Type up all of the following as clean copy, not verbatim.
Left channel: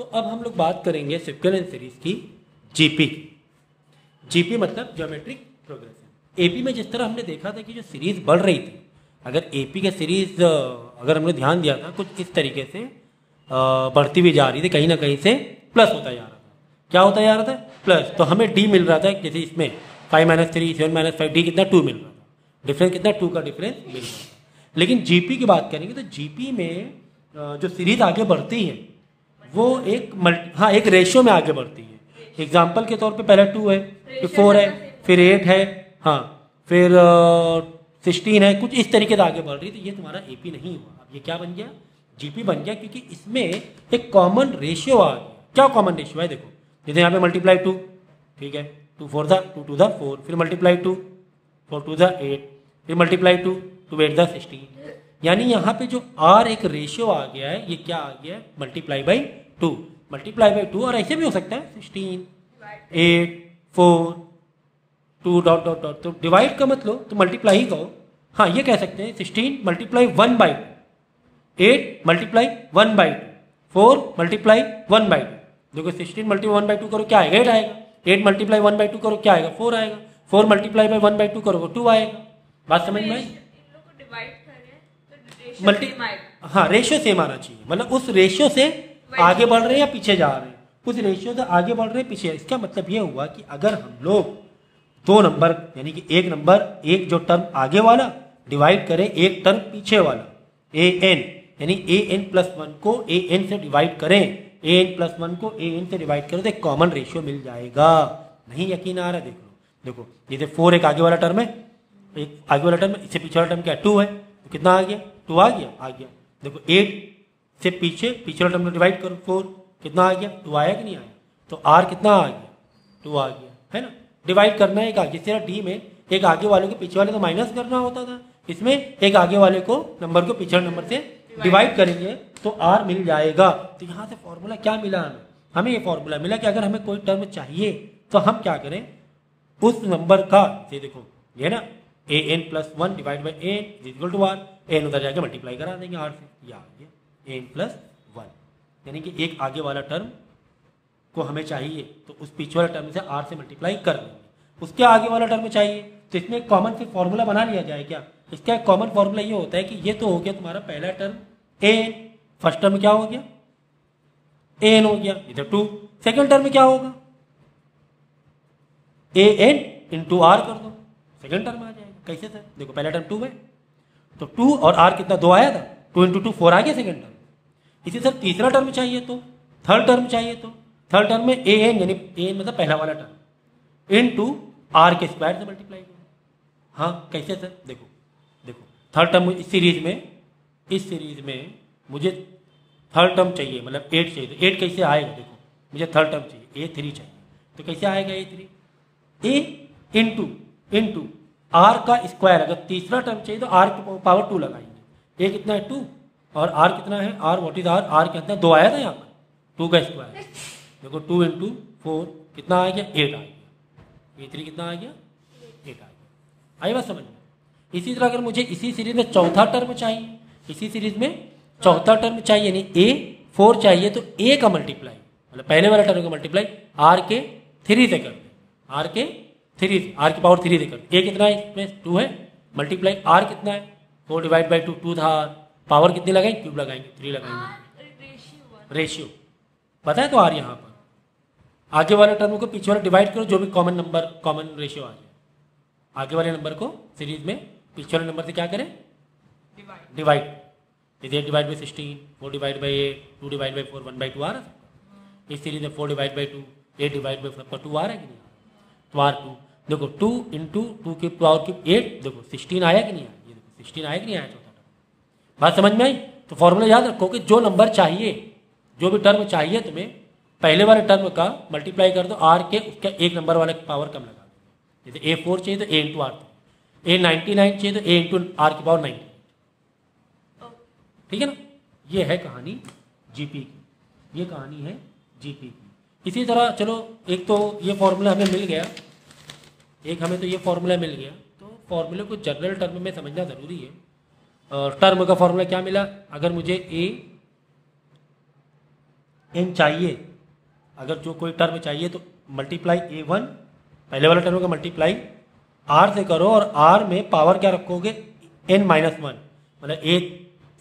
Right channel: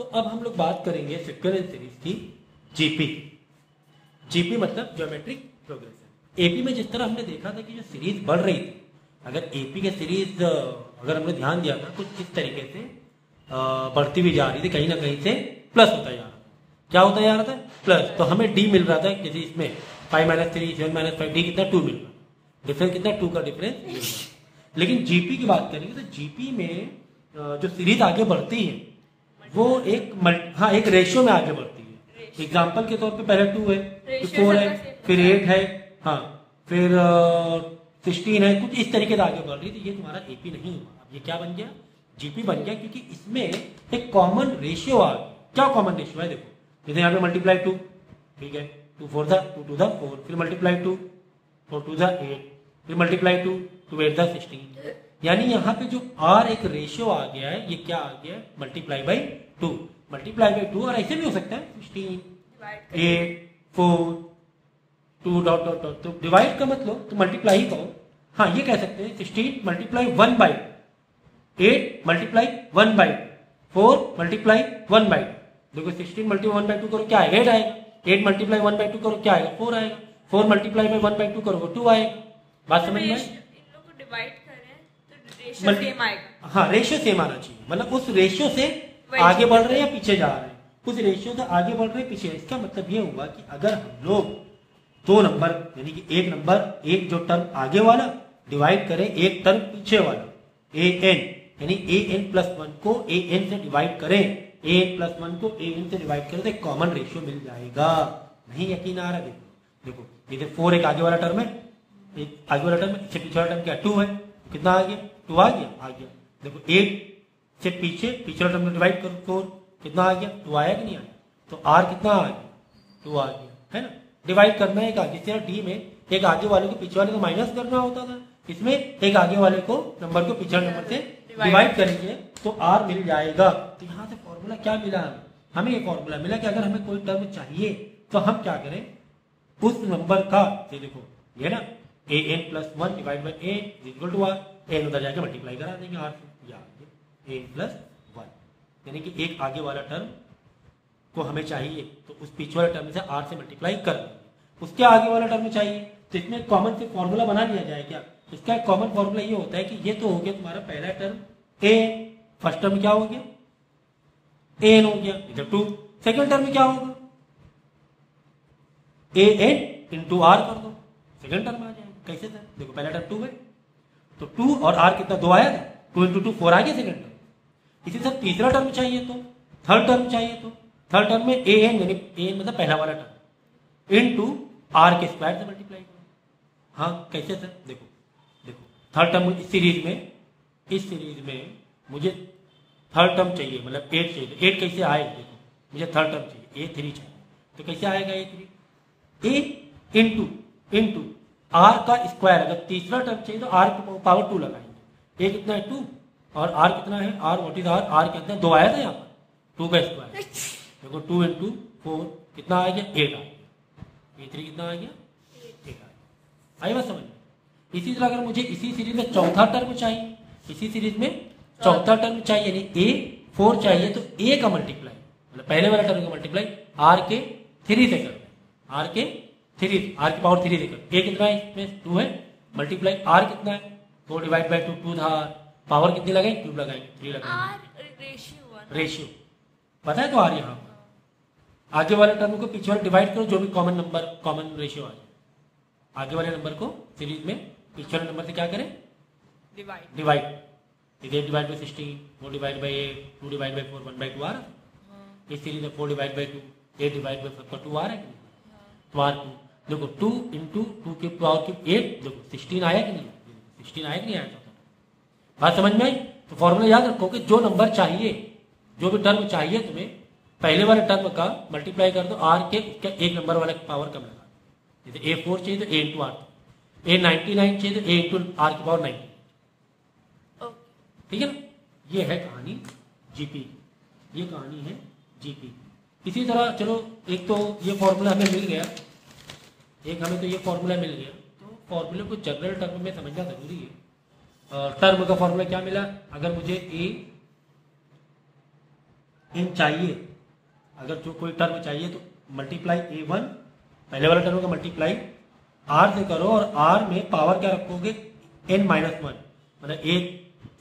तो अब हम लोग बात करेंगे इक्विवेलेंट सीरीज की जीपी। जीपी मतलब ज्योमेट्रिक प्रोग्रेशन। एपी में जिस तरह हमने देखा था कि जो सीरीज बढ़ रही थी, अगर एपी का सीरीज अगर हमने ध्यान दिया था कुछ इस तरीके से बढ़ती भी जा रही थी, कहीं ना कहीं से प्लस होता जा रहा था। क्या होता जा रहा था? प्लस। तो हमें डी मिल रहा था, जैसे इसमें 5-3 7-5 डी कितना 2 मिल रहा था। डिफरेंस कितना 2 का डिफरेंस मिल रहा था। लेकिन जीपी की बात करेंगे तो जीपी में जो सीरीज आगे बढ़ती है वो एक रेशियो में आगे बढ़ती है। एग्जाम्पल के तौर पे पहले 2 है, फिर 4 है, फिर 8 है, हाँ, फिर 16 है, कुछ इस तरीके से आगे बढ़ रही। तो ये तुम्हारा एपी नहीं हुआ, अब ये क्या बन गया? जीपी बन गया, क्योंकि इसमें एक कॉमन रेशियो आ गया। क्या कॉमन रेशियो है? देखो, जैसे यहाँ पे मल्टीप्लाई 2, ठीक है, 2 4 2 2 4, फिर मल्टीप्लाई 2 4 2 8, फिर मल्टीप्लाई 2 2 8 16। यानी यहाँ पे जो आर एक रेशियो आ गया है, ये क्या आ गया है? Multiply by 2, multiply by 2। और ऐसे भी हो सकता है 16 8 4 2 डॉट डॉट डॉट। तो डिवाइड का मतलब तो मल्टीप्लाई ही कहो। हाँ, ये कह सकते हैं 16 multiply 1 by 8 multiply 1 by 4 multiply 1 by 2। देखो 16 मल्टीप्लाई 1 बाई 2 करो क्या आएगा? 8 आएगा। 8 मल्टीप्लाई 1 बाई 2 करो क्या आएगा? 4 आएगा। 4 मल्टीप्लाई बाई 1 बाई 2 करो वो 2 आएगा। बात समझ में आई? हाँ, रेशियो सेम आना चाहिए। मतलब उस रेशियो से आगे बढ़ रहे हैं या पीछे जा रहे हैं? उस रेशियो से आगे बढ़ रहे हैं पीछे। इसका मतलब ये हुआ कि अगर हम लोग दो नंबर यानी कि एक नंबर, एक जो टर्म आगे वाला डिवाइड करें एक टर्म पीछे वाला, ए एन, यानी ए एन प्लस 1 को ए एन से डिवाइड करें, ए एन प्लस 1 को ए एन से डिवाइड करें तो एक कॉमन रेशियो मिल जाएगा। नहीं यकीन आ रहा? देखो देखो, जैसे 4 एक आगे वाला टर्म है, एक आगे वाला टर्म है, इससे पीछे वाला टर्म क्या? 2 है, तो कितना आ गया? 2 आ गया। देखो 8 से पीछे वाला टर्म डिवाइड करो 4, कितना आ गया? 2 आया कि नहीं आया? तो आर कितना आ गया? 2 आ गया, है ना। डिवाइड करना है एक आगे, जिस तरह डी में एक आगे वाले को पीछे वाले को माइनस करना होता था, इसमें एक आगे वाले को नंबर को पीछे नंबर से डिवाइड करेंगे तो आर मिल जाएगा। तो यहाँ से फॉर्मूला क्या मिला हमें? ये फॉर्मूला मिला कि अगर हमें कोई टर्म चाहिए तो हम क्या करें? उस नंबर का, ये देखो ये ना, A N plus 1 divide by A is equal to R. N उधर जाके मल्टीप्लाई करा देंगे आर से, ये एन प्लस 1, यानी कि एक आगे वाला टर्म को हमें चाहिए तो उस पीछे वाले टर्म से आर से मल्टीप्लाई कर देंगे। उसके आगे वाला टर्म चाहिए तो इसमें एक कॉमन फिर फॉर्मूला बना लिया जाए। क्या इसका एक कॉमन फॉर्मूला ये होता है कि ये तो हो गया तुम्हारा पहला टर्म ए, फर्स्ट टर्म क्या हो गया? ए एन हो गया, इधर 2। सेकेंड टर्म में क्या होगा? ए एन इंटू आर कर दो, सेकेंड टर्म आ जाएगा। कैसे था? देखो पहला टर्म 2 है तो 2 और आर कितना? 2 आया था, 2 इंटू 2 4 आ गया सेकेंड टर्म। इसी तरह तीसरा टर्म चाहिए तो, थर्ड टर्म चाहिए तो थर्ड टर्म में ए एन, यानी ए एन मतलब पहला वाला टर्म, इनटू आर के स्क्वायर से मल्टीप्लाई करो। हाँ, कैसे सर? देखो देखो, थर्ड टर्म इस सीरीज में मुझे थर्ड टर्म चाहिए, मतलब 8 चाहिए। तो 8 कैसे आएगा? देखो मुझे थर्ड टर्म चाहिए, A3 चाहिए, तो कैसे आएगा A3? ए इंटू आर का स्क्वायर। अगर तीसरा टर्म चाहिए तो आर की पावर 2 लगाएंगे। ए कितना है? 2, और आर कितना है? R what is R? R कितना? 2 आया था यहाँ पर, 2 का स्क्वायर। देखो 2 इंटू 4 कितना आ गया? 8 आ गया। A3 कितना आ गया? 8 आ गया। आई बात समझ में? इसी तरह अगर मुझे इसी सीरीज में चौथा टर्म चाहिए, इसी सीरीज में चौथा टर्म चाहिए, यानी A4 चाहिए, तो A का मल्टीप्लाई, मतलब पहले वाला टर्म का मल्टीप्लाई आर के 3 से कर, आर के 3, आर की पावर 3 से कर। A कितना है? इसमें 2 है, मल्टीप्लाई आर कितना है? 4 डिवाइड बाई 2 था। पावर कितनी लगाएंगे? क्यूब लगाएंगे, 3 लगाएंगे, रेशियो पता है। तो आर यहाँ पर आगे वाले टर्म को पीछे वाले डिवाइड करो, जो भी कॉमन नंबर, कॉमन रेशियो आ गया। आगे वाले नंबर को सीरीज में पीछे वाले नंबर से क्या करें? डिवाइड। इधर divide by 16, 4 divide by 8, 2 divide by 4, 1/2 आ रहा। इस सीरीज में 4 डिवाइड बाई 2, 8 डिवाइड बाई 4 2 आ रहा है कि नहीं? तो आर 2। देखो 2 इंटू 2 की पावर की 8, देखो 16 आया कि नहीं आया? 16 आया कि नहीं आया? बात समझ में आई? तो फॉर्मूला याद रखो कि जो नंबर चाहिए, जो भी टर्म चाहिए तुम्हें, पहले वाले टर्म का मल्टीप्लाई कर दो आर के, उसका एक नंबर वाले पावर कम लगा दो। जैसे A4 चाहिए तो A इंटू आर, A99 चाहिए तो A इंटू आर की पावर 90। ठीक है ना? ये है कहानी जीपी की, ये कहानी है जीपी की। इसी तरह चलो, एक तो ये फॉर्मूला हमें मिल गया, एक हमें तो ये फॉर्मूला मिल गया, तो फॉर्मूले को जनरल टर्म में समझना जरूरी है। टर्म का फॉर्मूला क्या मिला? अगर मुझे n चाहिए, अगर जो कोई टर्म चाहिए तो मल्टीप्लाई a1 पहले वाले टर्म का मल्टीप्लाई r से करो और r में पावर क्या रखोगे n माइनस वन, मतलब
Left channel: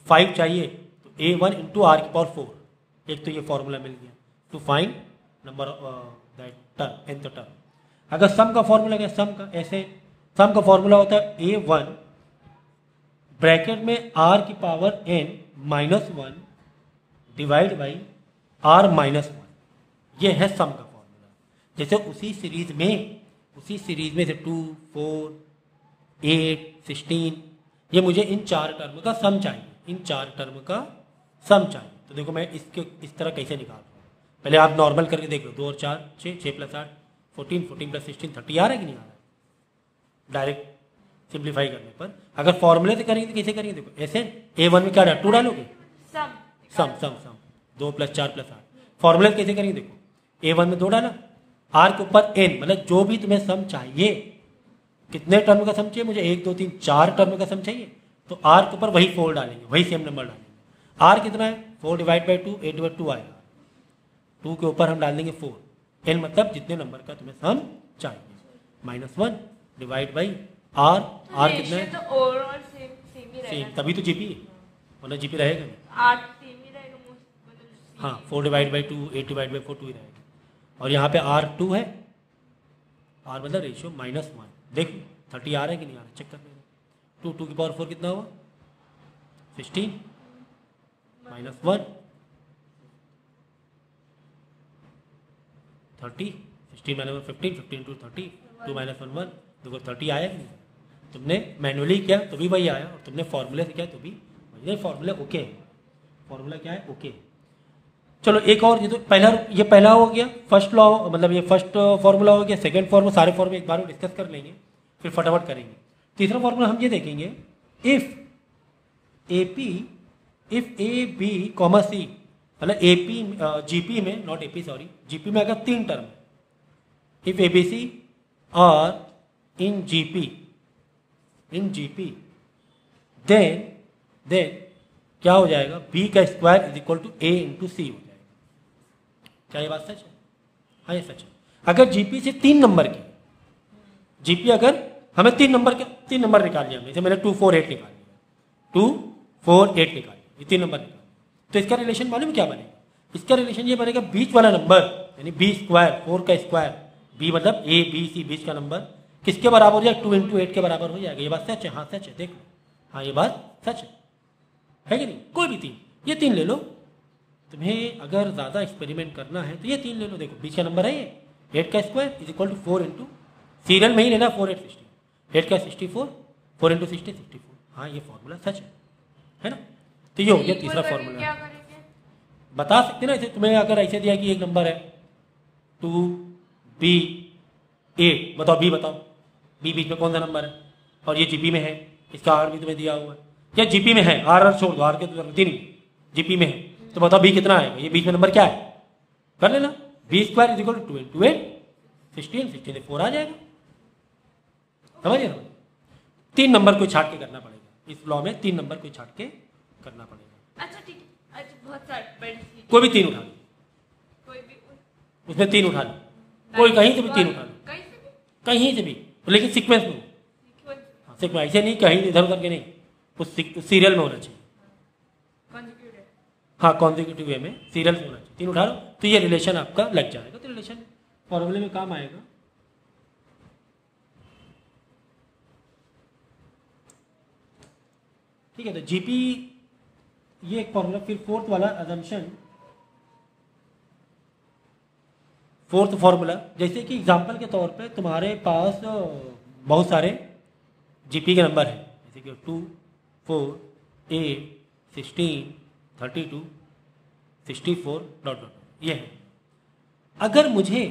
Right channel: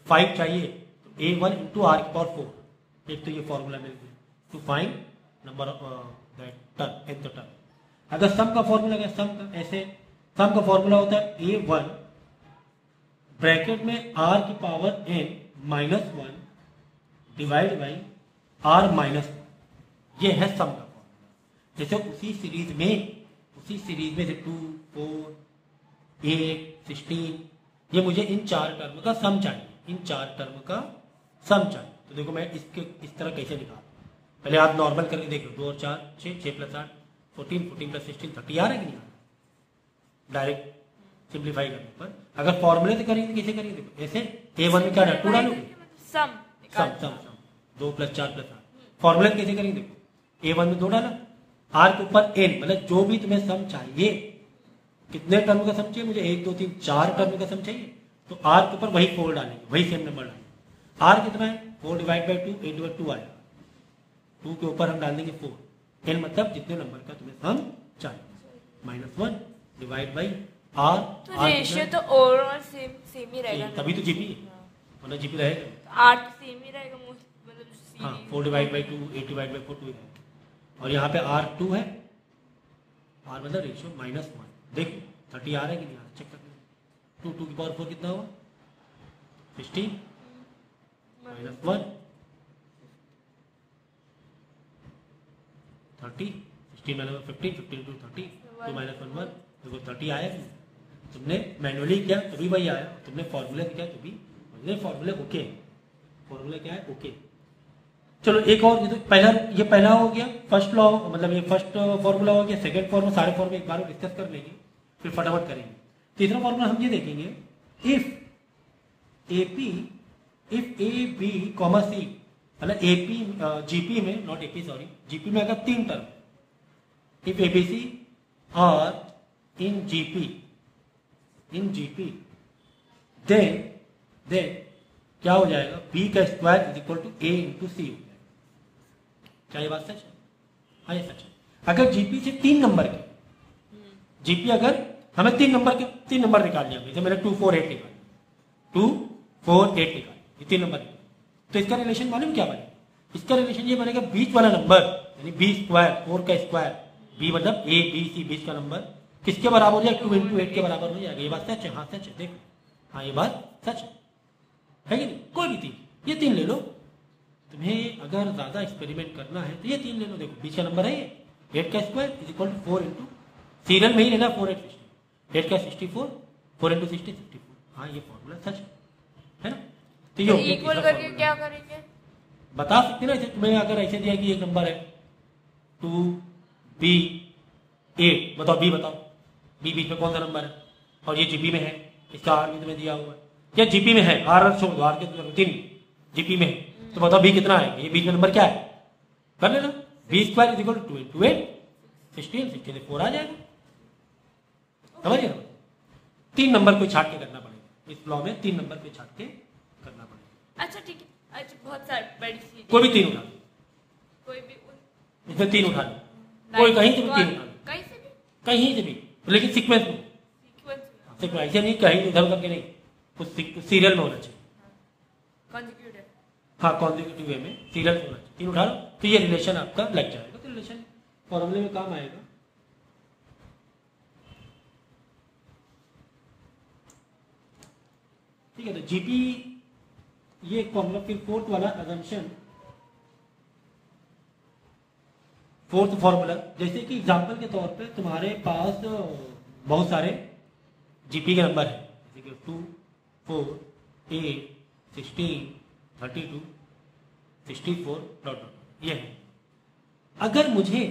a5 चाहिए तो a1 इंटू आर की पावर 4। एक तो ये फॉर्मूला मिल गया to find number term nth term. अगर सम का फॉर्मूला क्या, सम का ऐसे सम का फॉर्मूला होता है a1 ब्रैकेट में r की power n minus one divide by r minus one, ये है सम का फॉर्मूला। जैसे उसी सीरीज में से 2, 4, 8, 16, ये मुझे इन चार टर्म का सम चाहिए, इन चार टर्म का सम चाहिए। तो देखो मैं इसके इस तरह कैसे निकालता हूँ, पहले आप नॉर्मल करके देखो, 2 और 4 6, 6 प्लस 8 14, 14 प्लस 16 30 आ रहा है कि नहीं आ रहा। डायरेक्ट सिंप्लीफाई करने पर अगर फॉर्मूले से करेंगे तो कैसे करेंगे, देखो ऐसे a1 में क्या डाल 2 डालोगे, सम 2 प्लस 4 प्लस 8। फॉर्मूले कैसे करेंगे, देखो a1 में 2 डाला, r के ऊपर n, मतलब जो भी तुम्हें सम चाहिए, कितने टर्म का सम चाहिए मुझे, 1 2 3 4 टर्म का सम चाहिए, तो r के ऊपर वही 4 डालेंगे, वही सेम नंबर डालेंगे। r कितना है 4 डिवाइड बाई 2, 8 डिवाइड 2 आएगा, 2 के ऊपर हम डाल देंगे 4, n मतलब जितने नंबर का तुम्हें सम चाहिए माइनस 1 डिवाइड बाई r। तो रेशियो तो ओवरऑल सेम ही रहेगा, तभी तो जीपी वरना जीपी रहेगा, 8 सेम ही रहेगा मतलब। हाँ 4 डिवाइड बाई 2, 8 डिवाइड बाई 4 2 ही रहेगा। और यहाँ पे r2 है, r मतलब रेशियो माइनस 1। देख 30 आ रहा है कि नहीं आ रहा, चेक कर लेना। 2 की पावर 4 कितना हुआ 16 माइनस 1 30, 16 माइनस 15, 15 टू 30, 2 माइनस 1 1, देखो 30 आया कि नहीं। तुमने मैनुअली किया तो भी वही आया, तुमने फॉर्मूले से किया तो भी फॉर्मूला ओके है, फॉर्मूला क्या है ओके। चलो एक और, ये पहला हो गया फर्स्ट लॉ, मतलब ये फर्स्ट फॉर्मूला हो गया। सेकंड फॉर्मूला सारे फॉर्मूले एक बार में डिस्कस कर लेंगे, फिर फटाफट करेंगे। तीसरा फॉर्मूला हम ये देखेंगे, if A B comma C, मतलब एपी जीपी में, नॉट एपी सॉरी, जीपी में अगर 3 term, if ABC are in GP then क्या हो जाएगा, बी का square is equal to A into C हो जाएगा। क्या ये बात सच है? हाँ ये सच है। अगर जीपी से 3 नंबर की, जीपी अगर हमें 3 नंबर निकालने हैं, जैसे मैंने 2 4 8 निकाल, 2 4 8 निकाल, ये 3 नंबर निकाल, तो इसका रिलेशन मालूम क्या बनेगा, इसका रिलेशन ये बनेगा बीच वाला नंबर यानी बी स्क्वायर 4 का स्क्वायर, बी मतलब ए बी सी, बीच का नंबर किसके बराबर हो जाएगा, 2 इंटू 8 के बराबर हो जाएगा। ये बात सच है? हाँ सच है, देखो हाँ ये बात सच है कि नहीं। कोई भी 3, ये 3 ले लो, तुम्हें अगर ज्यादा एक्सपेरिमेंट करना है तो ये 3 ले लो। देखो बीच का नंबर है ये 8 का square is equal to 4 into, serial में ही लेना 4 8 60, 8 का 64, 4 इंटू 60 64। हाँ ये फॉर्मूला सच है ना। तो ये हो गया तीसरा फॉर्मूला। क्या करेंगे बता सकते ना, ऐसे तुम्हें अगर ऐसे दिया कि एक नंबर है 2 बी 8, बताओ बी, बताओ बी बीच में कौन सा नंबर है, और ये जीपी में है, इसका आर भी तुम्हें दिया हुआ है, या जीपी में है, आर छोड़ दो, आर के 3 जीपी में है, तो बताओ बी कितना आएगा, ये बीच में नंबर क्या है, कर लेना, B square is equal to 2 into 8 16, 16 से 4 आ जाएगा। समझ गए? 3 नंबर को छाट के करना पड़ेगा, इस लॉ में 3 नंबर को छाट के करना पड़ेगा। अच्छा ठीक है, अच्छा बहुत सारी बड़ी चीज, कोई भी 3 उठा लो, कोई भी इसमें 3 उठा लो, कोई कहीं से भी 3 उठा लो, कहीं से भी, लेकिन सीक्वेंस में, सीक्वेंस ऐसे नहीं कहीं इधर उधर के नहीं, उस सीरियल में होना चाहिए। हाँ कॉन्जिक्यूटिव वे में सीरियल में होना चाहिए। 3 उठा लो तो ये रिलेशन आपका लग जाएगा, तो रिलेशन फॉर्मूले में काम आएगा। ठीक है, तो जीपी ये एक फॉर्मूला। फिर फोर्थ वाला अजम्पशन, फोर्थ फॉर्मूला, जैसे कि एग्जांपल के तौर पे तुम्हारे पास बहुत सारे जीपी के नंबर हैं, जैसे कि 2 4 8 16 32 64 डॉट, ये है। अगर मुझे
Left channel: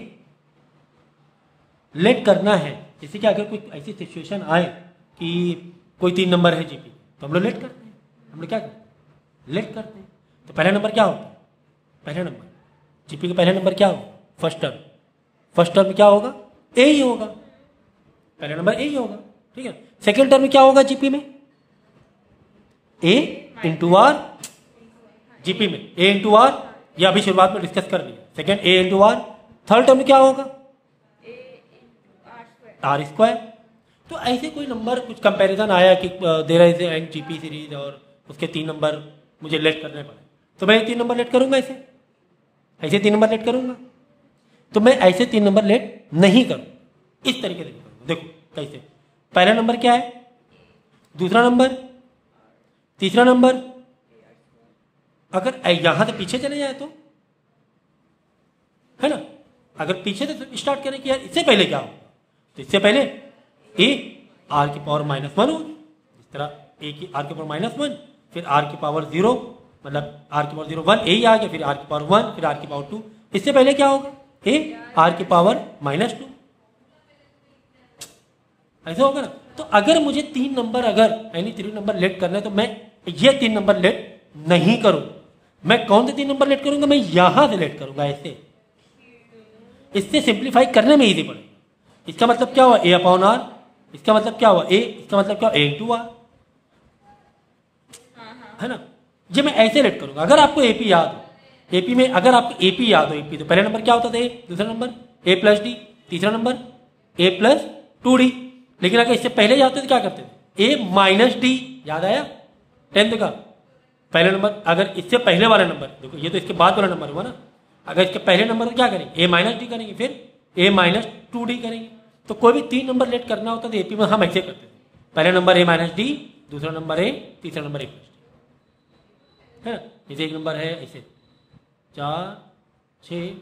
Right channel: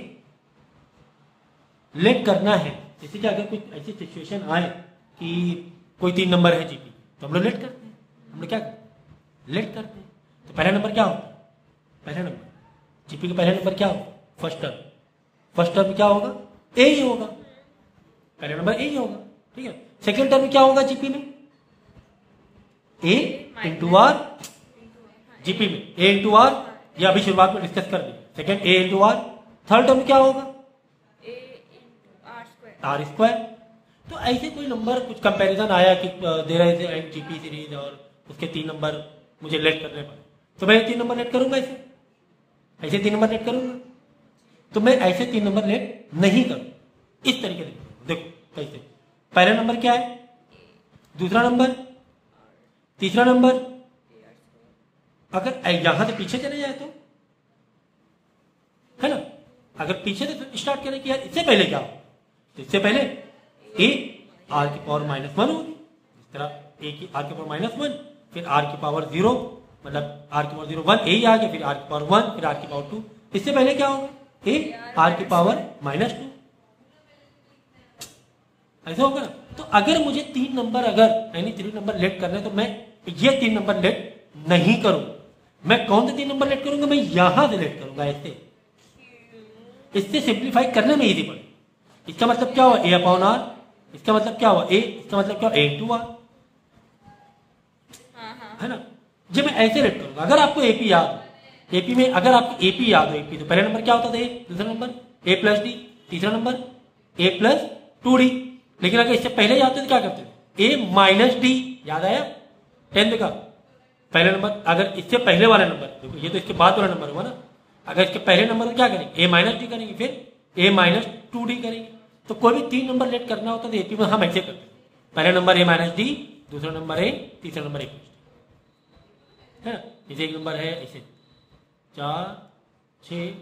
लेट करना है, जैसे कि अगर कोई ऐसी सिचुएशन आए कि कोई 3 नंबर है जीपी, तो हम लोग लेट करते हैं, हम लोग क्या करते हैं, लेट करते हैं। तो पहला नंबर क्या होता है, पहला नंबर जीपी का पहला नंबर क्या होगा, फर्स्ट टर्म क्या होगा, ए ही होगा, पहला नंबर ए ही होगा। ठीक है, सेकेंड टर्म में क्या होगा जीपी में, ए इंटू आर, जीपी में ए इंटू आर ये अभी शुरुआत में डिस्कस कर लिया। Second A into R, third term क्या होगा A into R square. R square. तो ऐसे कोई नंबर कुछ कंपैरिजन आया कि दे रहे थे एंड जीपी सीरीज और उसके 3 नंबर मुझे लेट करने पड़े, तो मैं 3 नंबर लेट करूंगा ऐसे 3 नंबर लेट करूंगा। तो मैं ऐसे 3 नंबर लेट नहीं करूंगा, इस तरीके से करूंगा। देखो कैसे, पहला नंबर क्या है, दूसरा नंबर, तीसरा नंबर। अगर यहां से पीछे चले जाए तो, है ना, अगर पीछे से स्टार्ट करें कि यार इससे पहले क्या हो, तो इससे पहले ए आर की पावर -1 होगी, इस तरह ए की आर की पावर -1, फिर आर की पावर 0, मतलब आर की पावर 0 1 ए ही आ गया, फिर आर की पावर 1, फिर आर की पावर 2। इससे पहले क्या होगा, ए आर की पावर -2, ऐसा होगा ना। तो अगर मुझे 3 नंबर यानी 3 नंबर लेट करना है, तो मैं ये 3 नंबर लेट नहीं करूंगा। मैं कौन से 3 नंबर लेट करूंगा, मैं यहां से लेट करूंगा ऐसे। इससे सिंप्लीफाई करने में इजी पड़ेगा। इसका मतलब क्या हुआ, ए अपॉन आर, इसका मतलब क्या हुआ ए, इसका मतलब क्या हुआ ए इंटू आर, है ना। ये मैं ऐसे लेट करूंगा। अगर आपको एपी याद हो, एपी में अगर आपको एपी याद हो, एपी तो पहला नंबर क्या होता था ए, दूसरा नंबर ए प्लस डी, तीसरा नंबर ए प्लस 2d। लेकिन अगर इससे पहले जाते तो क्या करते थे, ए माइनस डी, याद आया 10th का पहले नंबर। अगर इससे पहले वाला नंबर, देखो ये तो इसके बाद वाला नंबर हुआ ना, अगर इसके पहले नंबर को क्या करेंगे, ए माइनस डी करेंगे, फिर ए माइनस 2d करेंगे। तो कोई भी 3 नंबर लेट करना होता तो एपी में हम ऐसे करते थे, पहले नंबर ए माइनस डी, दूसरा नंबर ए, तीसरा नंबर ए प्लस डी, है ना। जैसे एक नंबर है ऐसे 4 6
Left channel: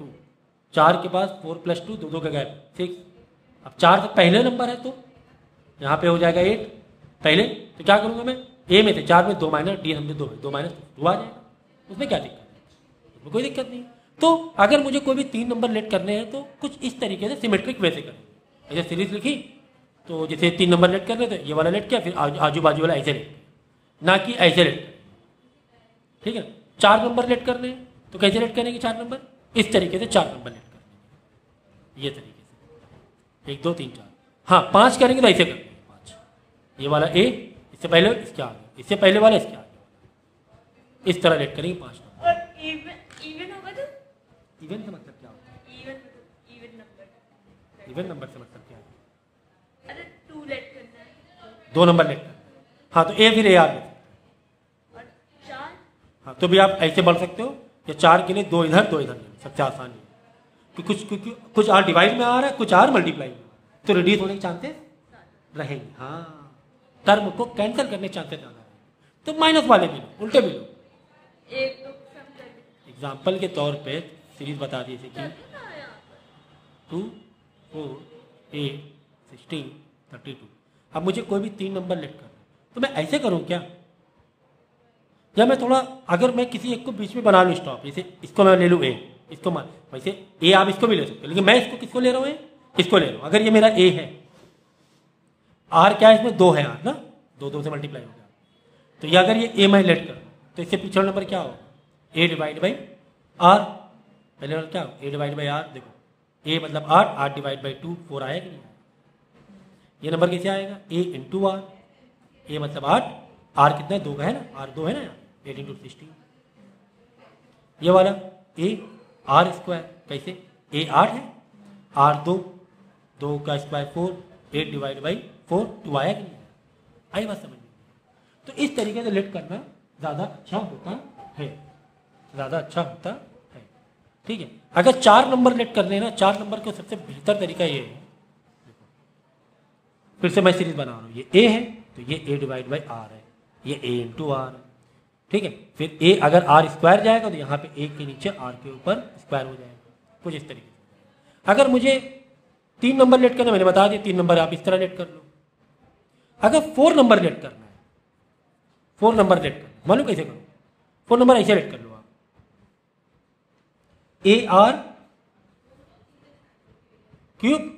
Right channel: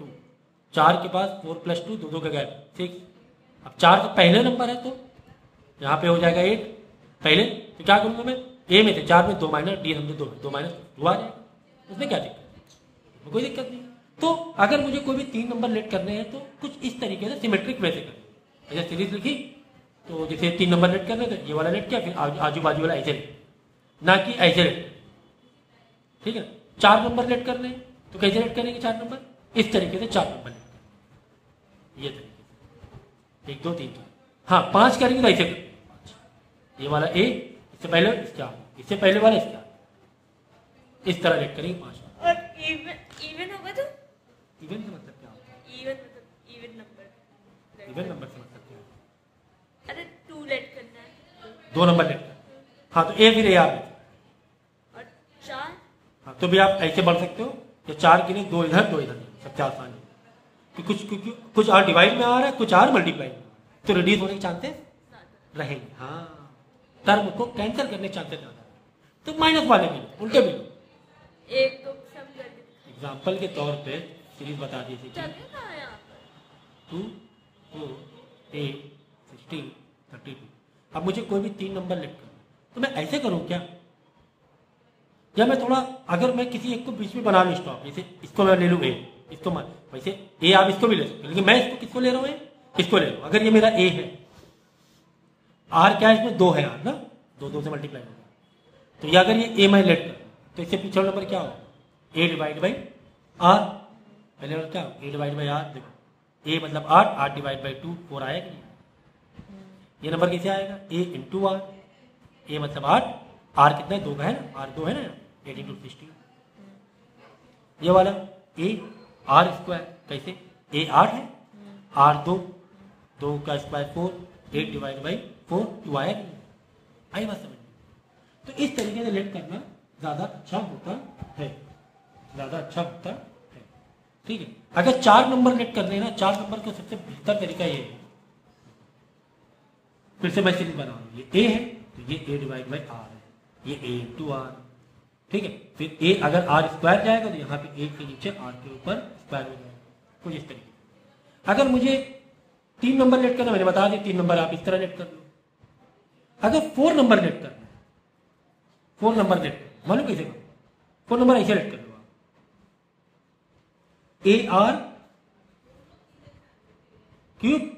2, 4 के पास 4 प्लस 2, 2 का गैप 6। अब 4 से पहले नंबर है तो यहाँ पे हो जाएगा 8 पहले। तो क्या करूंगा मैं, ए में थे 4 में 2 माइनस डी, हम 2 माइनस 2 आ जाएगा, उसमें क्या दिक्कत है, उसमें कोई दिक्कत नहीं। तो अगर मुझे कोई भी 3 नंबर लेट करने हैं तो कुछ इस तरीके से सिमेट्रिक वे से करना। जैसे सीरीज लिखी तो जैसे 3 नंबर लेट करने थे, ये वाला लेट किया, फिर आजू बाजू वाला ऐसे लेट, ना कि ऐसे लेट, ठीक है। 4 नंबर लेट करने हैं तो कैसे लेट करेंगे 4 नंबर, इस तरीके से 4 नंबर लेट करेंगे, ये तरीके से 1 2 3 4। हाँ 5 करेंगे तो ऐसे करेंगे, ये वाला ए, इससे पहले इसके आगे, इससे पहले वाला इसके आगे, इस तरह लेट करेंगे 5। और इवन होगा तो इवन का मतलब क्या होता है, इवन मतलब इवन नंबर, इवन नंबर से मतलब क्या होता है, अरे 2 लेट करना है 2 नंबर लेट करना है। हाँ तो ए फिर ए आर, और 4, हाँ तो भी आप ऐसे बढ़ सकते हो, या 4 के लिए 2 इधर 2 इधर, सबसे आसान है कि कुछ आर डिवाइड में आ रहा है, कुछ आर मल्टीप्लाई में आ रहा है, तो रिड्यूस होने के चांसेस रहेंगे। हाँ टर्म को कैंसिल करने के चांसेस ज्यादा है। तो माइनस वाले भी उल्टे भी, एक तो सम कर एग्जाम्पल के तौर पे सीरीज बता दी थी कि कितना आया 2 4 8 16 32। अब मुझे कोई भी 3 नंबर लेट करना है तो मैं ऐसे करूं क्या, या मैं थोड़ा, अगर मैं किसी एक को बीच में बना लूँ स्टॉप, जैसे इसको मैं ले लूँ ए, इसको मैं वैसे ए आप इसको भी ले सकते हो, लेकिन मैं इसको किसको ले रहा हूँ, इसको ले रहा हूँ। अगर ये मेरा ए है, आर क्या है इसमें 2 है, आर ना 2 से मल्टीप्लाई हो गया, तो ये अगर ये ए मैं लेट कर तो इससे पिछला नंबर क्या होगा, ए डिवाइड बाई आर, पहले नंबर क्या होगा ए डिवाइड बाई आर। देखो ए मतलब 8, 8 डिवाइड बाई 2 4 आएगा नहीं, ये नंबर कैसे आएगा, ए इंटू आर, ए मतलब 8, आर कितना 2 का है ना, आर 2 है ना, 8 इंटू 16। ये वाला ए आर स्क्वायर, कैसे ए 8 है, आर 2 का स्क्वायर 4, 8 डिवाइड बाई 4 2 आया कि नहीं, आई बात समझ में। तो इस तरीके से लेट करना ज़्यादा अच्छा होता है, ज़्यादा अच्छा होता है, ठीक है। अगर 4 नंबर लेट करने हैं ना, 4 नंबर का सबसे बेहतर तरीका ये है, फिर से मैं सीरीज बना रहा हूँ, ये ए है तो ये ए डिवाइड बाई आर है, ये ए इंटू आर, ठीक है। फिर ए अगर आर स्क्वायर जाएगा तो यहाँ पे ए के नीचे आर के ऊपर स्क्वायर हो जाएगा, कुछ इस तरीके से। अगर मुझे 3 नंबर लेट करना, मैंने बता दिया 3 नंबर आप इस तरह लेट कर लो। अगर 4 नंबर लेट करना है, 4 नंबर लेट करना मालूम कैसे करो, 4 नंबर ऐसे लेट कर लो, A R cube,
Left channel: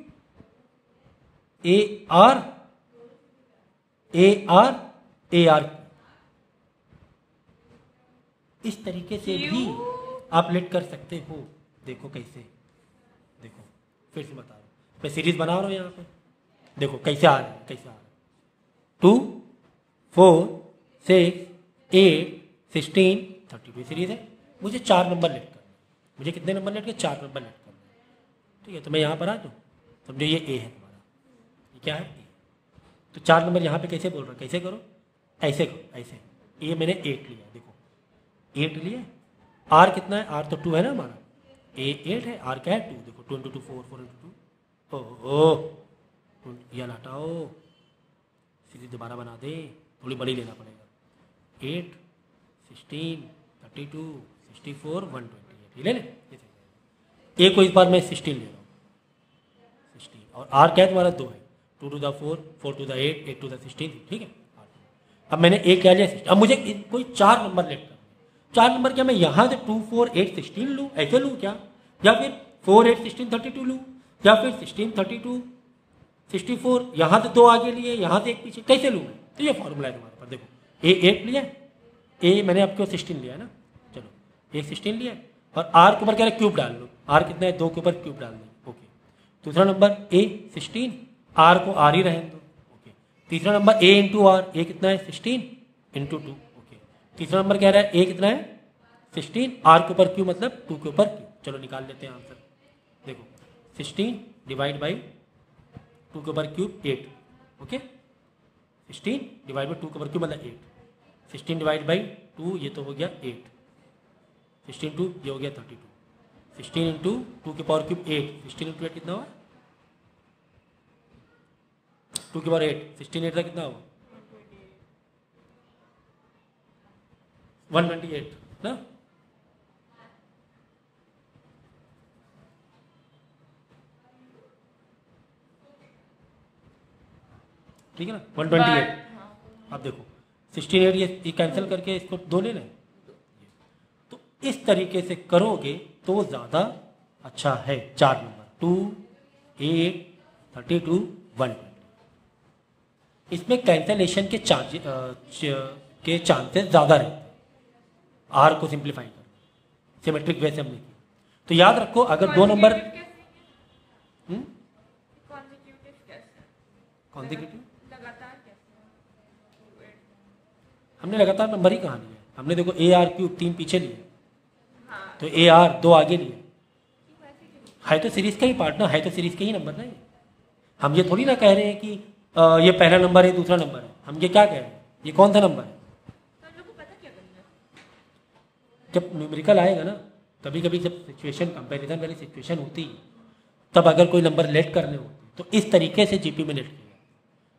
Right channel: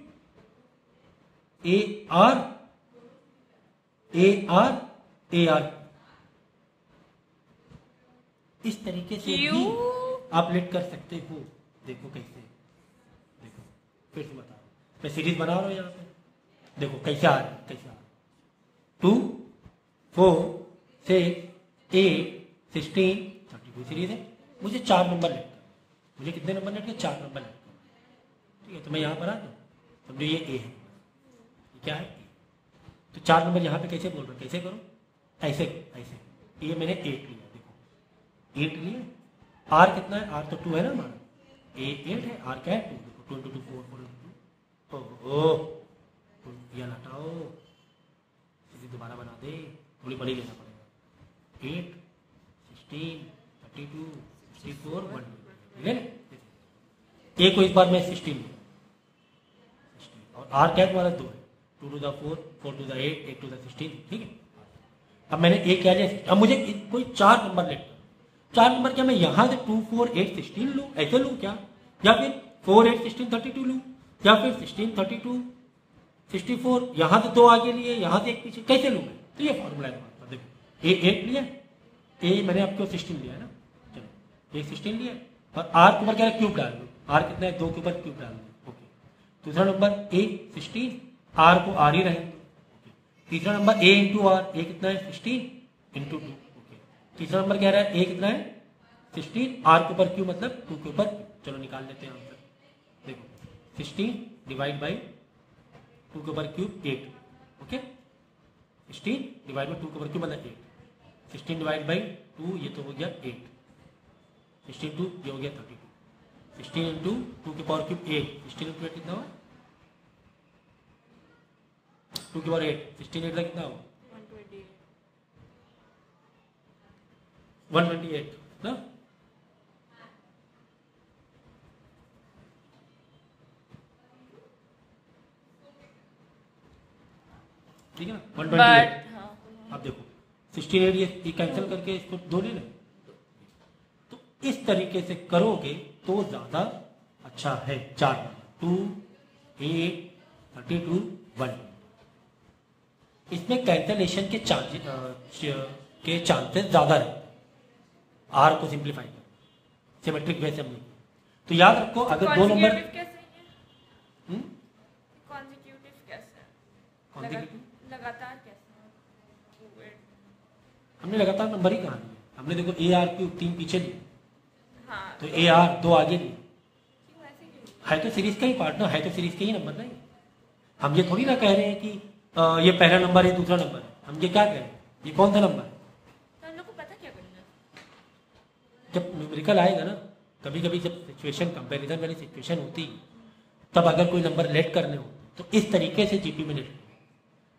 A R A R A R, इस तरीके से भी आप लेट कर सकते हो। देखो कैसे, देखो फिर से बता रहा हूं, मैं सीरीज बना रहा हूं यहाँ पे, देखो कैसे आ रहा है, कैसे आ रहा है 2 4 6 8 16 32। ये सीरीज है, मुझे 4 नंबर लेट करना। मुझे कितने नंबर लेट करना? 4 नंबर लेट करना। ठीक है, तो मैं यहाँ पर आ दूँ, समझो ये ए है, ये क्या है ए। तो 4 नंबर यहाँ पे कैसे बोल रहे हो? कैसे करो? ऐसे करो, ऐसे। ये मैंने 8 लिया, देखो 8 लिया। आर कितना है? आर तो 2 है ना हमारा, ए 8 है, आर क्या है 2। देखो 2 into 2 4, 4 into 2। ओहो, यह हटाओ, सीधी दोबारा बना दे, थोड़ी बड़ी लेना पड़ेगा। 8 16 32 64 128 ले ले। ए को इस बार मैं 16 ले रहा हूँ, 16। और आर क्या है तुम्हारा? 2 है, 2 to the 4, 4 to the 8, 8 to the 16। ठीक है, अब मैंने ए क्या लिया? 16। अब मुझे कोई 4 नंबर लेट कर, 4 नंबर क्या मैं यहाँ से 2 4 8 16 लूँ, ऐसे लूँ क्या? या फिर 4 8 16 32 लूँ, या फिर 16 32 64, यहाँ से 2 आगे लिए, यहाँ से एक पीछे, कैसे लूँ? तो ये फॉर्मूला है पर। देखो ए 8 लिया, ए मैंने आपको 16 लिया ना, चलो ए 16 लिया, और आर के ऊपर क्या है? क्यूब डाल लो। आर कितना है? 2 के ऊपर क्यूब डाल लो। ओके, दूसरा नंबर ए 16, आर को आर ही रहने दो। ओके, तीसरा नंबर ए इंटू आर, ए कितना है? 16 इंटू 2। ओके, तीसरा नंबर क्या रहा है? ए कितना है? 16, आर के ऊपर क्यू मतलब 2 के ऊपर क्यू। चलो निकाल लेते हैं आंसर। देखो 16 डिवाइड बाई 2 के ऊपर क्यूब 8। ओके, 16 डिवाइड बाई 2 के ऊपर क्यूब मतलब 8। 16 डिवाइड बाई 2, ये तो हो गया 8। 16 2, ये हो गया 32। 16 इंटू 2 के पावर क्यूब 8, 16 इंटू 8 कितना हो? 2 के पावर 8, 16 8 का कितना हो? 128 ना। ठीक है ना, 128। अब देखो 16 8 ये कैंसिल करके इसको 2 ले लें। तो इस तरीके से करोगे तो ज़्यादा अच्छा है। 4 नंबर 2 8 32 1। इसमें कैंसलेशन के चांसेस ज़्यादा रहते हैं। आर को सिंप्लीफाई करो, सिमेट्रिक वे से हमने किया। तो याद रखो अगर 2 नंबर हमने लगातार नंबर ही कहाँ दिया? हमने देखो ए आर क्यूब 3 पीछे लिए, तो ए आर 2 आगे लिए। है तो सीरीज का ही पार्ट ना, है तो सीरीज के ही नंबर नहीं। हम ये थोड़ी ना कह रहे हैं कि ये पहला नंबर है दूसरा नंबर है। हम ये क्या कह रहे हैं? ये कौन सा नंबर है? जब न्यूमेरिकल आएगा ना, कभी कभी जब सिचुएशन कंपैरिजन वाली सिचुएशन होती है, तब अगर कोई नंबर लेट करने होते तो इस तरीके से जीपी में लेट करेंगे।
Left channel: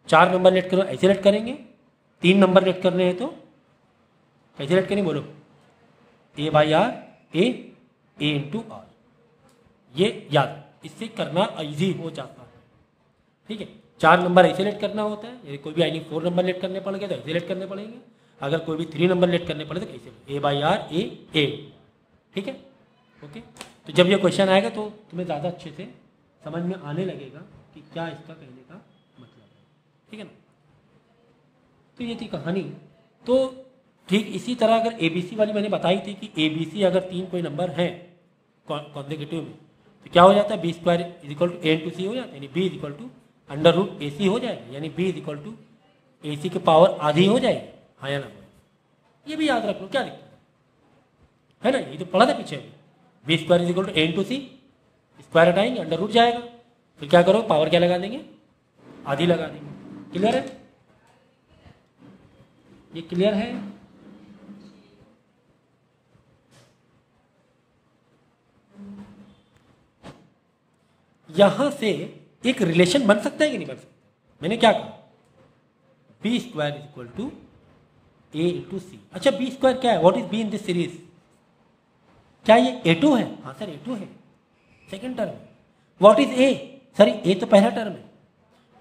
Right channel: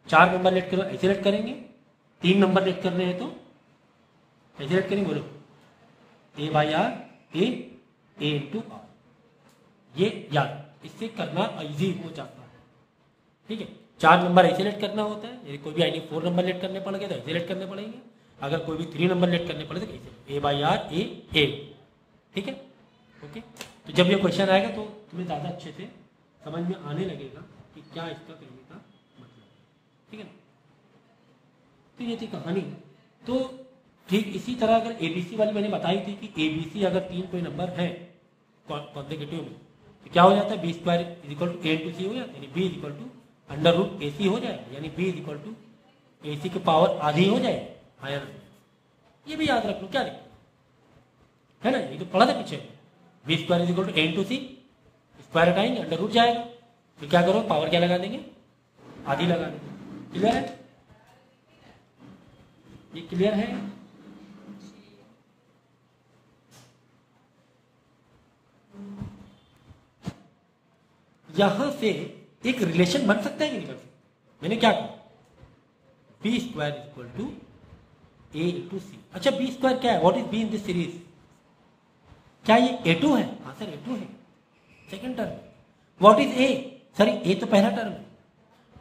4 नंबर लेट करो ऐसे लेट करेंगे, 3 नंबर लेट करने हैं तो कैसे लेट करेंगे? बोलो A by R, A into R. ये याद, इससे करना इजी हो जाता है। ठीक है, 4 नंबर ऐसे लेट करना होता है। कोई भी आई 4 नंबर लेट करने पड़ेगा तो ऐसे लेट करने पड़ेंगे। अगर कोई भी 3 नंबर लेट करने पड़े तो कैसे? ए बाई आर, ए। ठीक है, ओके। तो जब ये क्वेश्चन आएगा तो तुम्हें ज़्यादा अच्छे से समझ में आने लगेगा कि क्या इसका कहने का मतलब है। ठीक है ना, तो ये थी कहानी। तो ठीक इसी तरह अगर एबीसी वाली मैंने बताई थी कि एबीसी अगर 3 कोई नंबर है कॉन्सेक्यूटिव में तो क्या हो जाता है? B square is equal to A into C हो जाता है, यानी B is equal to under root A C हो जाएगा, यानी B is equal to A C की पावर आधी हो जाएगी। हाँ या ना? ये भी याद रख लो, क्या लिखा है ना, ये तो पढ़ा था पीछे। B square is equal to A into C, square हटाएंगे अंडर रूट जाएगा, फिर क्या करो? पावर क्या लगा देंगे? आधी लगा देंगे। क्लियर है? ये क्लियर है? यहां से एक रिलेशन बन सकता है कि नहीं बन सकता? मैंने क्या कहा? B square is equal to A into C. अच्छा, बी स्क्वायर क्या है? What is B in this series? क्या ये A2 है? हाँ सर A2 है, second term. What is A? Sir A तो पहला टर्म है।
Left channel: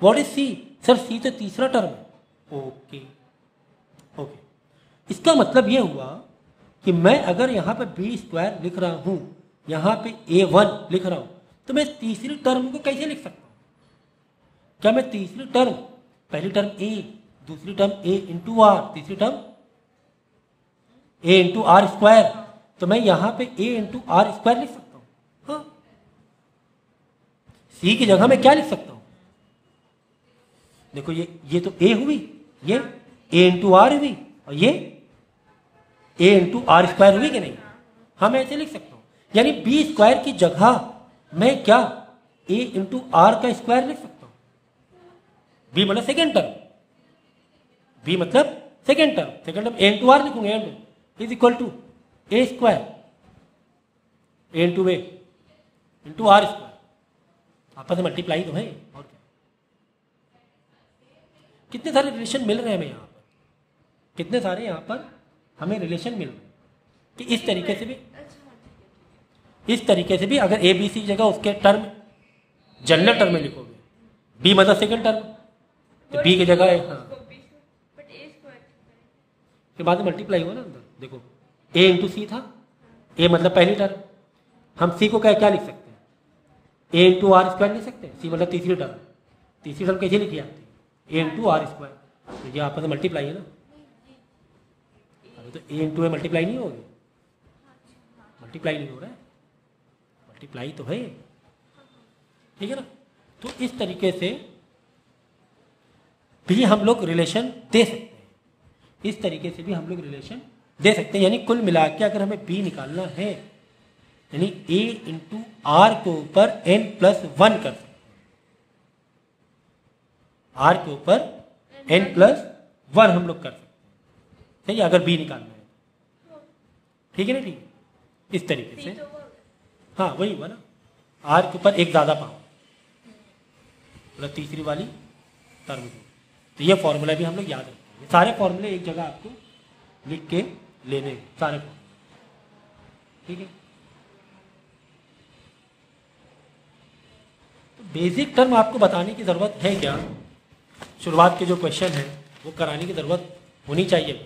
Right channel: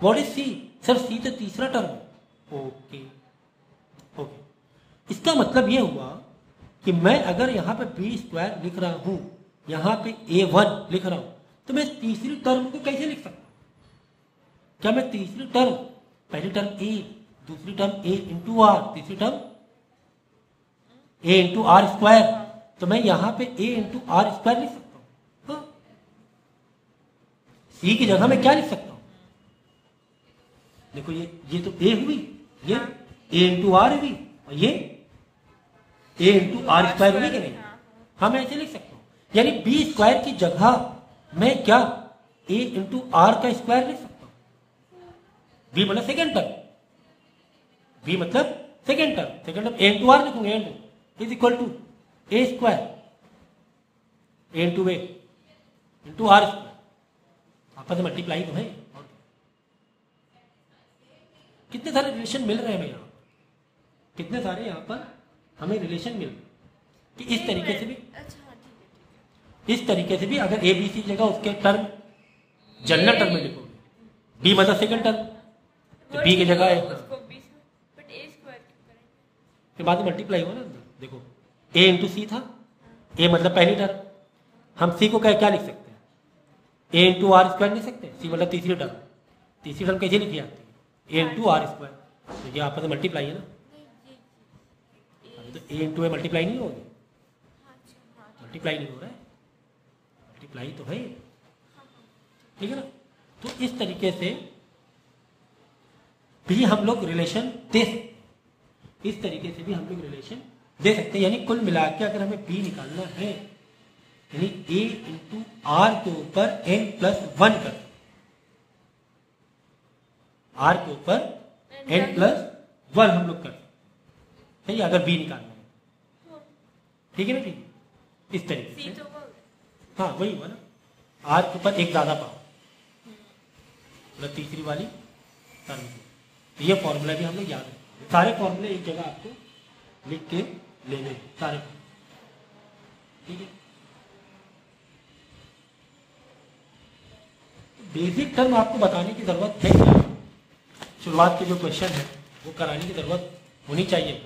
What is C? Sir C तो तीसरा टर्म है। ओके ओके, इसका मतलब ये हुआ कि मैं अगर यहाँ पे बी स्क्वायर लिख रहा हूं, यहाँ पे A1 लिख रहा हूं, तो मैं तीसरी टर्म को कैसे लिख सकता हूं? क्या मैं तीसरी टर्म, पहली टर्म ए, दूसरी टर्म ए इंटू आर, तीसरी term A into are square, तो मैं यहां पे ए इंटू आर स्क्वायर लिख सकता हूं। हाँ, सी की जगह में क्या लिख सकता हूं? देखो ये तो ए हुई, ये ए इंटू आर हुई, और ये ए इंटू आर स्क्वायर हुई कि नहीं? हाँ, मैं ऐसे लिख सकता हूँ, यानी बी स्क्वायर की जगह मैं क्या ए इंटू आर का स्क्वायर लिख सकता हूँ। बी मतलब सेकेंड टर्म, बी मतलब सेकेंड टर्म ए इंटू आर लिखूंगा, and is equal to a square a into a into are square, आपस में मल्टीप्लाई तो है। और क्या, कितने सारे रिलेशन मिल रहे हैं हमें यहाँ पर, कितने सारे यहाँ पर हमें रिलेशन मिल रहे हैं कि इस तरीके से भी, इस तरीके से भी अगर ए बी सी जगह उसके टर्म जनरल टर्म में लिखोगे, बी मतलब सेकंड टर्म, तो बी की जगह है, हाँ, बट ए स्क्वायर क्यों करेंगे? तो बाद में मल्टीप्लाई हुआ ना अंदर, देखो ए इंटू सी था, ए मतलब पहली टर्म, हम सी को क्या लिख सकते हैं, ए इंटू आर स्क्वायर लिख सकते हैं, सी मतलब तीसरी टर्म, तीसरी टर्म कैसे लिखी जाती है, ए इंटू आर स्क्वायर, तो ये आपस में मल्टीप्लाई है ना, अभी तो ए इंटू ए मल्टीप्लाई नहीं होगी, मल्टीप्लाई नहीं हो रहा है, मल्टीप्लाई तो है, ठीक है ना। तो इस तरीके से भी हम लोग रिलेशन दे सकते हैं, इस तरीके से भी हम लोग रिलेशन दे सकते हैं, यानी कुल मिला के अगर हमें बी निकालना है, यानी ए इंटू आर के ऊपर एन प्लस वन कर सकते हैं, आर के ऊपर एन प्लस वन हम लोग कर सकते हैं, सही है, अगर बी निकालना है, ठीक है ना, ठीक है, इस तरीके से, हाँ वही हुआ ना, आर के ऊपर एक ज्यादा पावर मतलब तीसरी वाली टर्म को, तो ये फॉर्मूला भी हम लोग याद रखेंगे, सारे फॉर्मूले एक जगह आपको लिख के लेने हैं, सारे, ठीक है। बेसिक टर्म आपको बताने की जरूरत है क्या, शुरुआत के जो क्वेश्चन है वो कराने की जरूरत होनी चाहिए।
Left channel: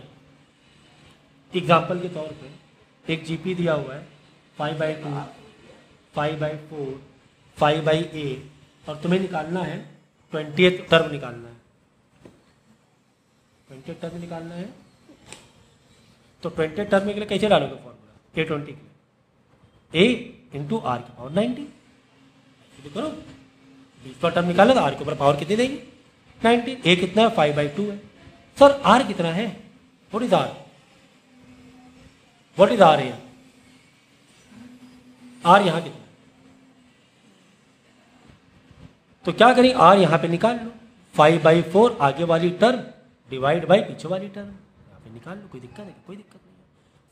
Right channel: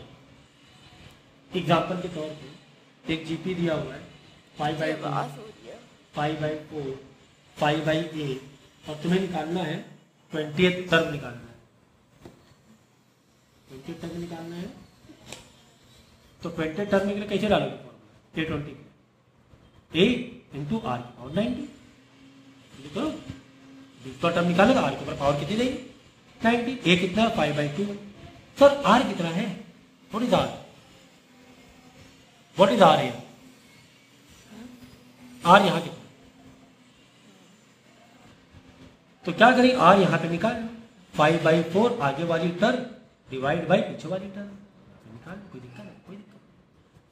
एग्जाम्पल के तौर पे एक जीपी दिया हुआ है 5/4, 5/4, 5/8 और तुम्हें निकालना है 20th टर्म निकालना है, 20th टर्म निकालना है, तो 20th टर्म के लिए कैसे डालोगे फॉर्मूला, A20 के ए इंटू आर की पावर 90, तो करो 20 का टर्म निकाले तो आर के ऊपर पावर कितनी देंगे 90, ए कितना है 5/2 है, सर आर कितना है, what is R, what is R, R यहां कितना, तो क्या करें, आर यहां पे निकाल लो, 5/4 आगे वाली टर्म डिवाइड बाई पीछे वाली टर्म, निकाल लो, कोई दिक्कत है, कोई दिक्कत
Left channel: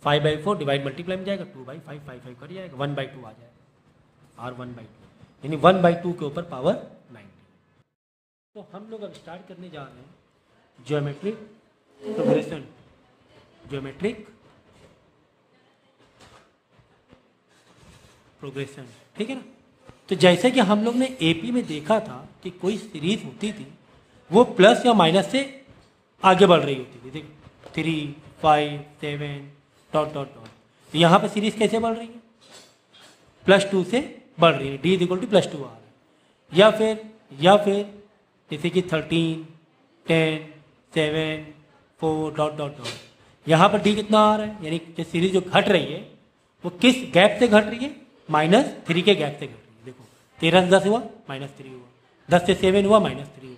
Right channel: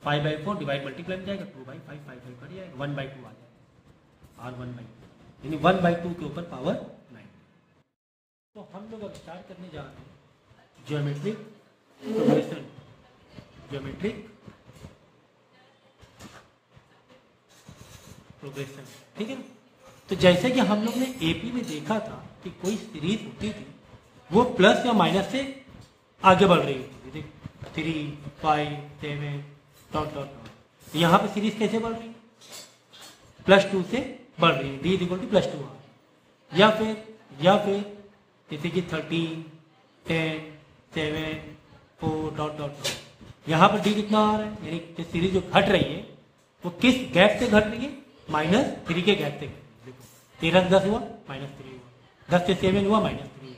नहीं, 5/4 डिवाइड मल्टीप्लाई में जाएगा 2/5, 5/5 कर जाएगा, 1/2 आ जाएगा, आर 1/2 यानी 1/2 के ऊपर पावर 90। तो हम लोग अब स्टार्ट करने जा रहे हैं ज्योमेट्रिक प्रोग्रेशन, ज्योमेट्रिक प्रोग्रेशन, ठीक है ना। तो जैसे कि हम लोग ने एपी में देखा था कि कोई सीरीज होती थी वो प्लस या माइनस से आगे बढ़ रही होती थी, देखो 3, 5, 7 डॉट डॉट डॉट, तो यहाँ पे सीरीज कैसे बढ़ रही है, +2 से बढ़ रही है, D = +2 आ, या फिर जैसे कि 13, 10, 7, 4 डॉट डॉट डॉट, यहाँ पर D कितना आ रहा है, यानी कि सीरीज जो घट रही है वो किस गैप से घट रही है, -3 के गैप से घट रही है, देखो 13 से 10 हुआ -3 हुआ, 10 से 7 हुआ -3 हुआ,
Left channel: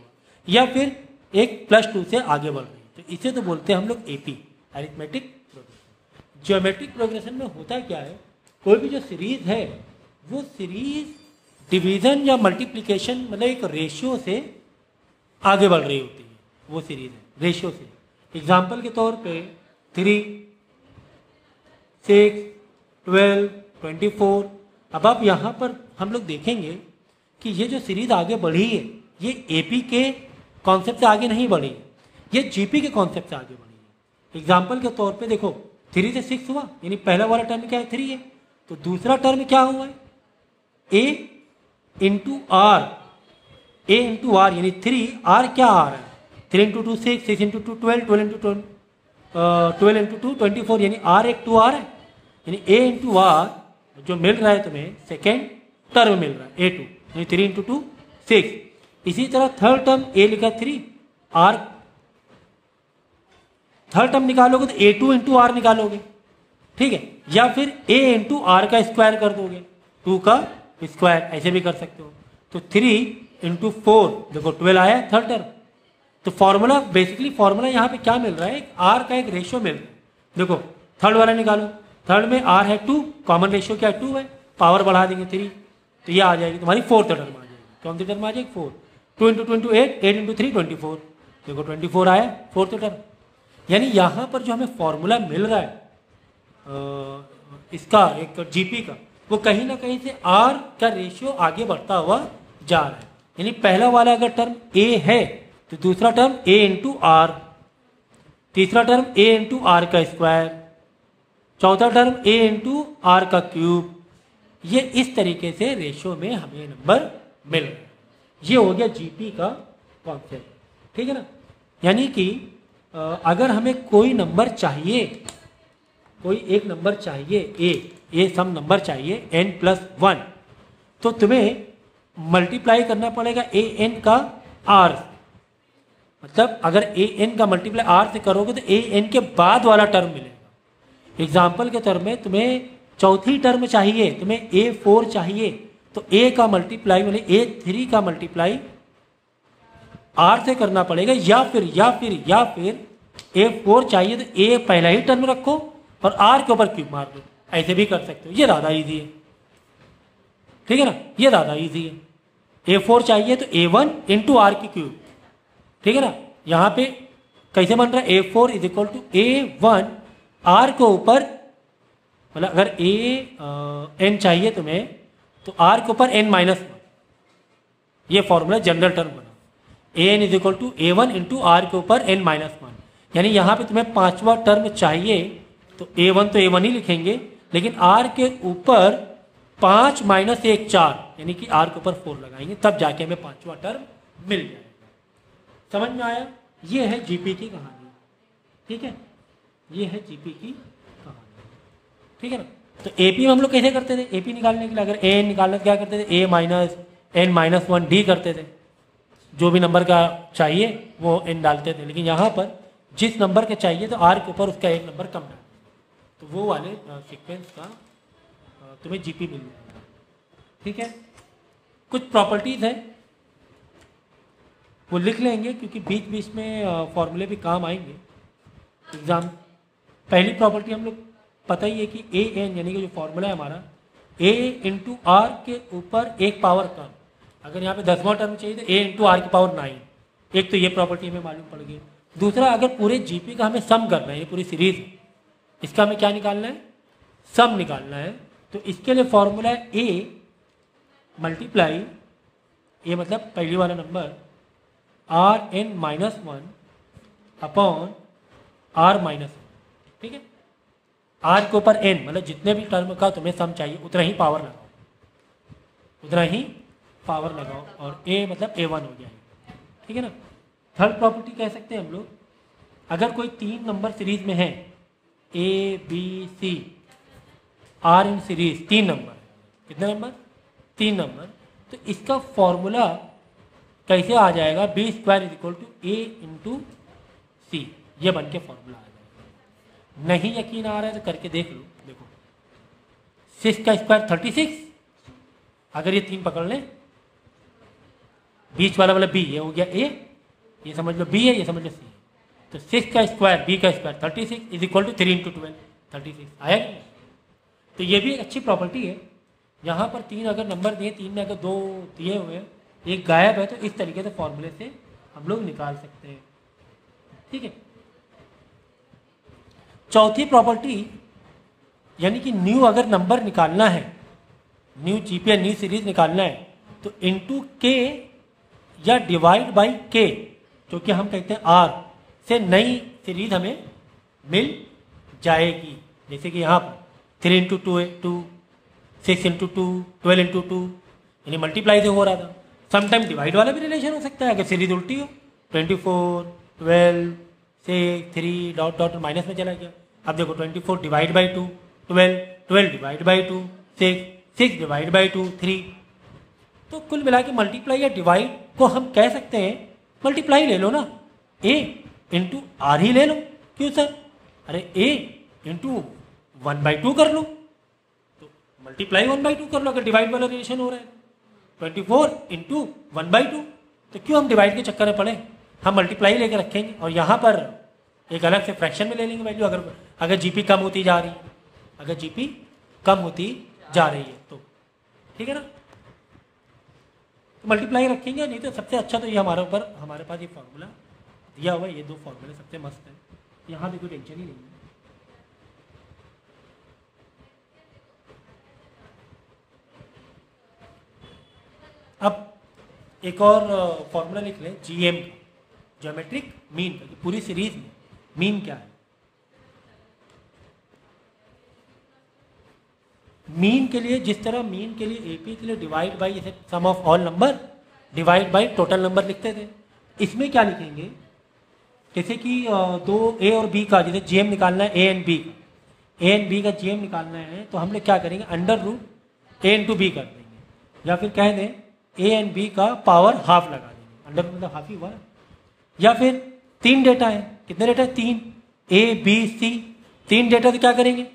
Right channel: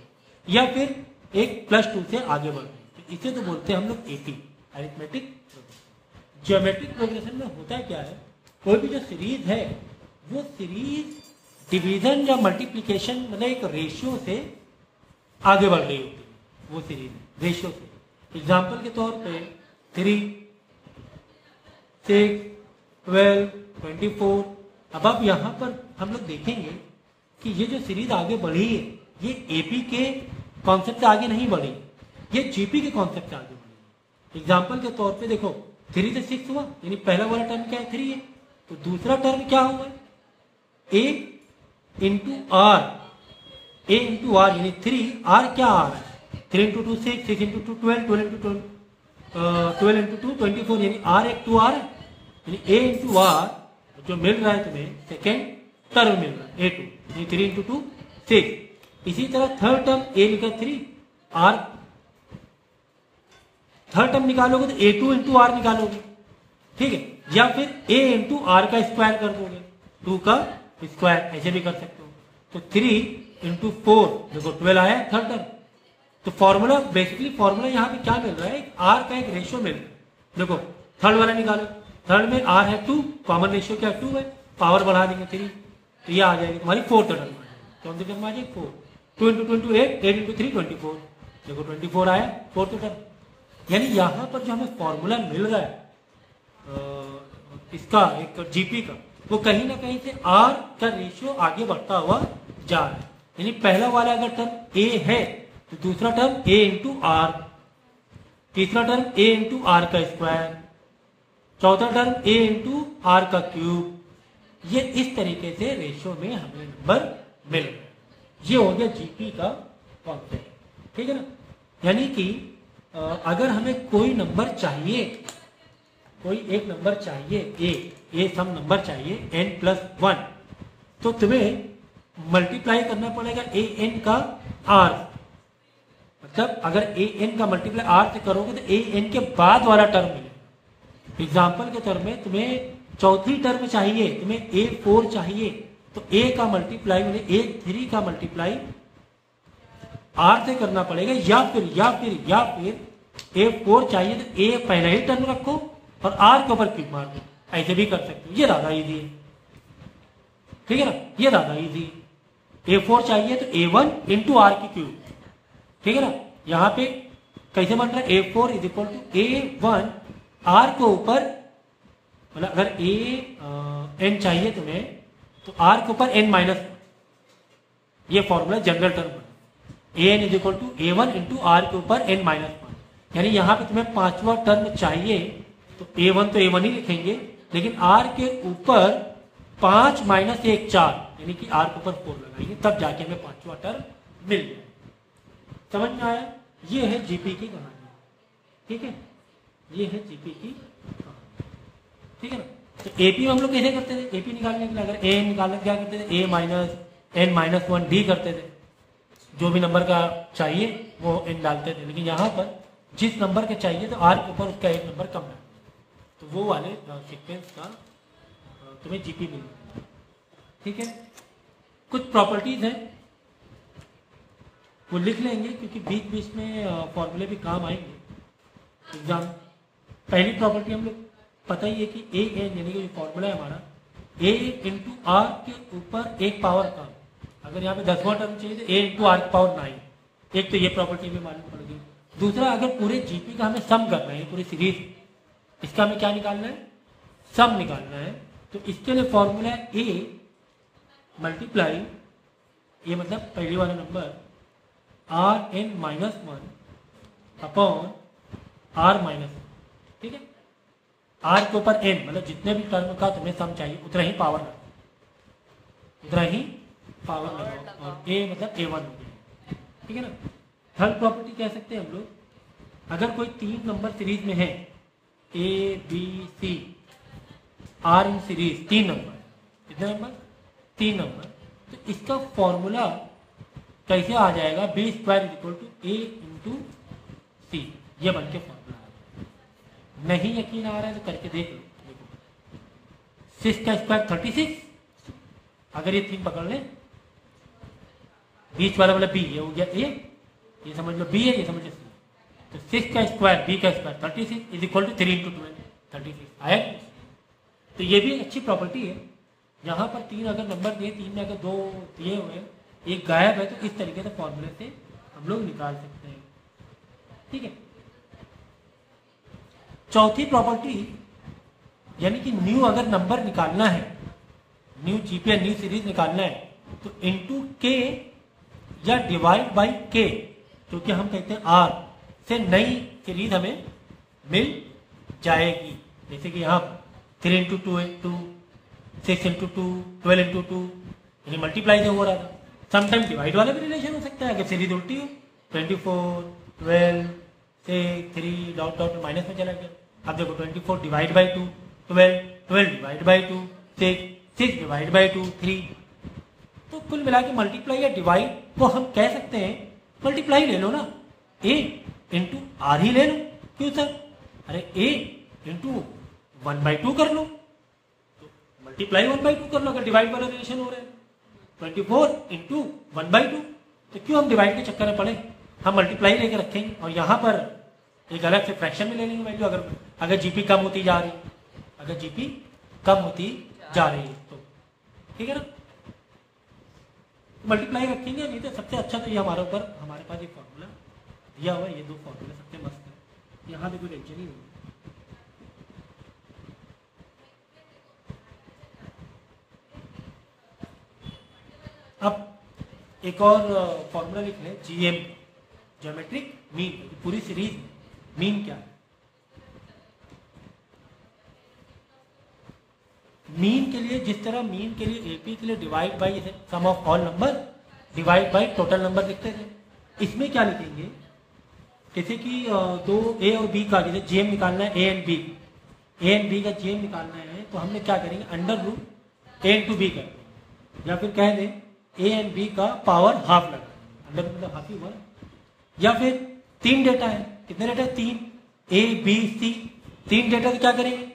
या फिर एक +2 से आगे बढ़ रही है, तो इसे तो बोलते हैं हम लोग AP, arithmetic progression. Geometric progression में होता क्या है, कोई भी जो सीरीज है वो सीरीज डिवीजन या मल्टीप्लिकेशन मतलब एक रेशियो से आगे बढ़ रही होती है, वो सीरीज है रेशियो से। एग्जाम्पल के तौर पे 3, 6, 12, 24, अब आप यहाँ पर हम लोग देखेंगे कि ये जो सीरीज आगे बढ़ी है ये एपी के कॉन्सेप्ट से आगे नहीं बढ़ी, ये जीपी के कॉन्सेप्ट से आगे बढ़ी है। एग्जाम्पल के तौर पे देखो 3 से 6 हुआ, यानी पहला वाला टर्म क्या है 3 है, तो दूसरा टर्म क्या हुआ है a into r, A into r यानी 3, आर क्या आ रहा है 3 इंटू 2 6, 6 इंटू 2 12, 12 इंटू 12 इंटू 2 24, यानी आर एक 2 आर है, यानी ए इंटू आर जो मिल रहा है तुम्हें सेकेंड टर्म मिल रहा है A2, यानी 3 इंटू 2 6। इसी तरह थर्ड टर्म ए लिखा 3, आर थर्ड टर्म निकालोगे तो A2 इंटू आर निकालोगे, ठीक है, या फिर ए इंटू आर का स्क्वायर कर दोगे, 2 का स्क्वायर ऐसे भी कर सकते हो, तो 3 इंटू 4 देखो 12 आया थर्ड टर्म। तो फॉर्मूला बेसिकली फॉर्मूला यहाँ पे क्या मिल रहा है, आर का एक रेशियो मिल रहा है, देखो थर्ड वाला निकालो, थर्ड में आर है 2, कॉमन रेशियो क्या 2 है, पावर बढ़ा देंगे 3, तो ये आ जाएगी तुम्हारी फोर्थ टर्म आ जाएगी। कौन सी टर्म आ जाएगी 4, 2 इंटू 2 इंटू 8, 8 इंटू 3 24, देखो 24 आया फोर्थ टर्म। यानी यहाँ पर जो हमें फॉर्मूला मिल रहा है इसका एक जीपी का, वो कहीं ना कहीं से आर का रेशियो आगे बढ़ता हुआ जा रहा है। यानी पहला वाला अगर टर्म ए है तो दूसरा टर्म ए इंटू आर, तीसरा टर्म ए इंटू आर का स्क्वायर, चौथा टर्म ए इंटू आर का क्यूब। ये इस तरीके से रेशियो में हमें नंबर मिल रहा है। ये हो गया जीपी का कॉन्सेप्ट, ठीक है ना। यानी कि अगर हमें कोई नंबर चाहिए, कोई एक नंबर चाहिए ए सम नंबर चाहिए n+1, तो तुम्हें मल्टीप्लाई करना पड़ेगा ए एन का आर। मतलब अगर ए एन का मल्टीप्लाई आर से करोगे तो ए एन के बाद वाला टर्म मिलेगा। एग्जाम्पल के तौर में तुम्हें चौथी टर्म चाहिए, तुम्हें A4 चाहिए, तो A का मल्टीप्लाई मैंने A3 का मल्टीप्लाई R से करना पड़ेगा, या फिर A4 चाहिए तो A पहला ही टर्म रखो और R के ऊपर क्यूब मार दो, ऐसे भी कर सकते हो। ये ज्यादा इजी है, ठीक है ना, ये ज्यादा इजी है। A4 चाहिए तो A1 इंटू आर की क्यूब, ठीक है ना। यहाँ पे कैसे बन रहा है, A4 is equal to A1 R के ऊपर, मतलब अगर n चाहिए तुम्हें तो R के ऊपर n-1, ये फॉर्मूला जनरल टर्म बना। an is equal to A1 into R के ऊपर n-1। यानी यहाँ पे तुम्हें पांचवा टर्म चाहिए तो A1 तो A1 ही लिखेंगे, लेकिन R के ऊपर 5 - 1 4, यानी कि R के ऊपर 4 लगाएंगे, तब जाके हमें पांचवा टर्म मिल जाए। समझ में आया? ये है जीपी की कहानी, ठीक है, ये है जीपी की कहानी, ठीक है ना। तो एपी हम लोग कैसे करते थे, एपी निकालने के लिए अगर ए निकालना क्या करते थे, A-n-1D करते थे, जो भी नंबर का चाहिए वो n डालते थे। लेकिन यहाँ पर जिस नंबर के चाहिए तो R के ऊपर उसका एक नंबर कम है, तो वो वाले सीक्वेंस का तुम्हें जीपी मिल जाएगा, ठीक है। कुछ प्रॉपर्टीज है वो लिख लेंगे क्योंकि बीच बीच में फॉर्मूले भी काम आएंगे एग्जाम। पहली प्रॉपर्टी हम लोग पता ही है कि ए एन, यानी कि जो फॉर्मूला है हमारा ए इंटू आर के ऊपर एक पावर का, अगर यहाँ पे 10वां टर्म चाहिए तो ए इंटू आर की पावर 9। एक तो ये प्रॉपर्टी हमें मालूम पड़ गई। दूसरा, अगर पूरे जीपी का हमें सम करना है, पूरी सीरीज, इसका हमें क्या निकालना है, सम निकालना है। तो इसके लिए फॉर्मूला है ए मल्टीप्लाई, ए मतलब पहली वाला नंबर, Rn-1 अपॉन R-1, ठीक है। R के ऊपर n, मतलब जितने भी टर्म का तुम्हें सम चाहिए उतना ही पावर लगाओ, और A मतलब A1 हो गया, ठीक है ना। थर्ड प्रॉपर्टी कह सकते हैं हम लोग, अगर कोई 3 नंबर सीरीज में है, A B C R in series 3 number, कितने नंबर, 3 नंबर, तो इसका फॉर्मूला कैसे आ जाएगा, B² = A इंटू सी, ये बन के फॉर्मूला आ जाएगा। नहीं यकीन आ रहा है तो करके देख लो, देखो 6 का स्क्वायर 36, अगर ये 3 पकड़ ले, बीच वाला मतलब B, ये हो गया A, ये समझ लो B है, ये समझ लो C, तो 6 का स्क्वायर B का स्क्वायर 36 = 3 × 12 36 आया। तो ये भी अच्छी प्रॉपर्टी है। यहाँ पर 3 अगर नंबर दिए, 3 में अगर 2 दिए हुए हैं, एक गायब है, तो इस तरीके से फॉर्मूले से हम लोग निकाल सकते हैं, ठीक है। चौथी प्रॉपर्टी, यानी कि न्यू अगर नंबर निकालना है, न्यू जीपी न्यू सीरीज निकालना है, तो इनटू के या डिवाइड बाई के, क्योंकि हम कहते हैं आर से नई सीरीज हमें मिल जाएगी। जैसे कि यहाँ पर 3 × 2 है 2, 6 × 2 12 × 2, यानी मल्टीप्लाई से हो रहा था। समटाइम डिवाइड वाला भी रिलेशन हो सकता है अगर सीरीज उल्टी हो, 24 12 6 3 डॉट डॉट माइनस में चला गया। अब देखो 24 divide by 2 12, 12 divide by 2 6, 6 divide by 2 3। तो कुल मिला के मल्टीप्लाई या डिवाइड को हम कह सकते हैं, मल्टीप्लाई ले लो ना, A इंटू आर ही ले लो। क्यों सर, अरे A इंटू 1/2 कर लो, तो मल्टीप्लाई 1/2 कर लो अगर डिवाइड वाला रिलेशन हो रहा है। 24 इंटू 1/2, तो क्यों हम डिवाइड के चक्कर में पड़े, हम मल्टीप्लाई लेकर रखेंगे। और यहाँ पर एक अलग से फ्रैक्शन में ले लेंगे वैल्यू, अगर जीपी कम होती जा रही है, अगर जीपी कम होती जा रही है तो ठीक है ना, मल्टीप्लाई रखेंगे। नहीं तो सबसे अच्छा तो ये हमारे पास ये फॉर्मूला दिया हुआ है, ये दो फॉर्मूले सबसे मस्त है, यहाँ पे कोई टेंशन ही नहीं है। अब एक और फॉर्मूला लिख लें, जीएम, ज्योमेट्रिक मीन, पूरी सीरीज में मीन क्या है? मीन के लिए जिस तरह मीन के लिए एपी के लिए divide by sum of all number divide by total number लिखते थे, इसमें क्या लिखेंगे? जैसे कि दो ए और बी का जैसे जीएम निकालना है, ए एंड बी का जीएम निकालना है, तो हम लोग क्या करेंगे? अंडर रूट ए इंटू बी कर देंगे, या फिर कह दें ए एंड बी का पावर हाफ लगा देंगे, अंडर रूट मतलब हाफ ही हुआ। या फिर तीन डेटा है, कितने डेटा है? तीन, ए बी सी, तीन डेटा तो क्या करेंगे?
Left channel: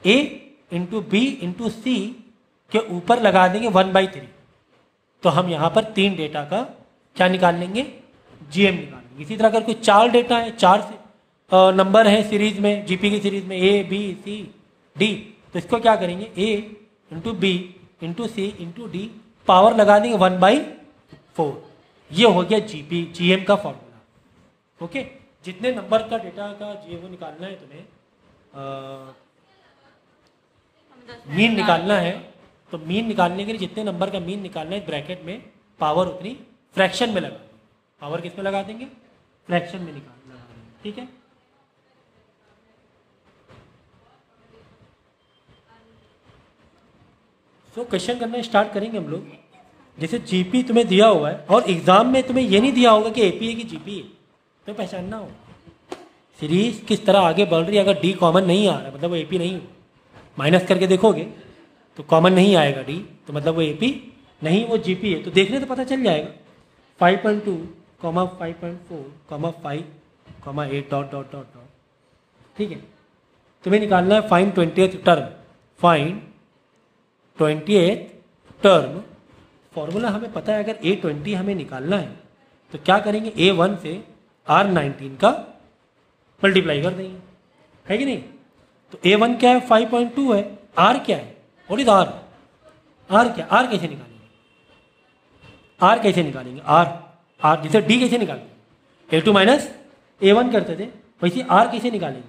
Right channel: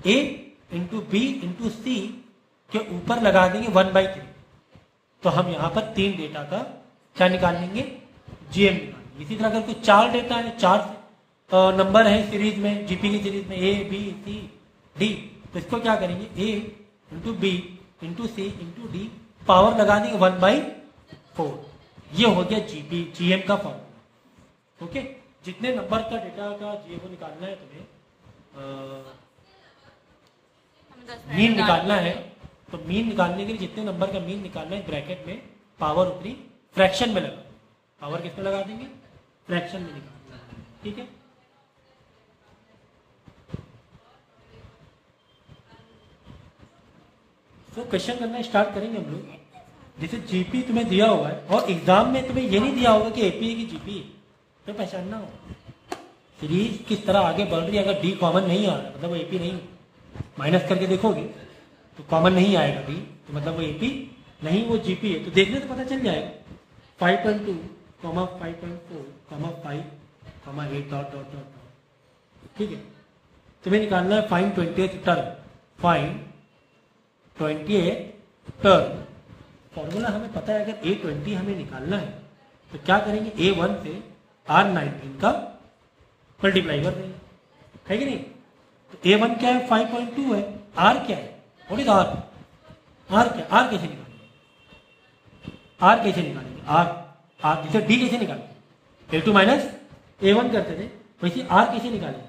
ए इंटू बी इंटू सी के ऊपर लगा देंगे 1/3। तो हम यहाँ पर तीन डेटा का क्या निकाल लेंगे? जीएम निकालेंगे। इसी तरह अगर कोई चार डेटा है, चार नंबर है सीरीज में, जीपी की सीरीज में ए बी सी डी, तो इसको क्या करेंगे? ए इंटू बी इंटू सी इंटू डी, पावर लगा देंगे 1/4। ये हो गया जीपी जीएम का फॉर्मूला। ओके, जितने नंबर का डेटा का जीएम निकालना है तुम्हें, मीन निकालना है, तो मीन निकालने के लिए जितने नंबर का मीन निकालना है ब्रैकेट में पावर उतनी फ्रैक्शन में लगा देंगे। पावर किस में लगा देंगे? फ्रैक्शन में निकालना है, ठीक है। तो क्वेश्चन करना स्टार्ट करेंगे हम लोग। जैसे जीपी तुम्हें दिया हुआ है और एग्जाम में तुम्हें ये नहीं दिया होगा कि एपी है कि जीपी है, तो पहचानना होगा सीरीज किस तरह आगे बढ़ रही है। अगर डी कॉमन नहीं आ रहा मतलब वो एपी नहीं, माइनस करके देखोगे तो कॉमन नहीं आएगा डी, तो मतलब वो एपी नहीं, वो जीपी है। तो देखने तो पता चल जाएगा 5.2, 5.4, 5, 8 डॉट डॉट डॉट डॉट, ठीक है। तुम्हें निकालना है find 20th term, find 20th term. Formula हमें पता है, अगर A20 हमें निकालना है तो क्या करेंगे? A1 से R19 का मल्टीप्लाई कर देंगे, है कि नहीं? तो A1 क्या है? 5.2 है। R क्या है? What is R? R क्या? R कैसे निकालेंगे? R कैसे निकालेंगे? R जैसे D कैसे निकालेंगे? A2 माइनस A1 करते थे, वैसे R कैसे निकालेंगे?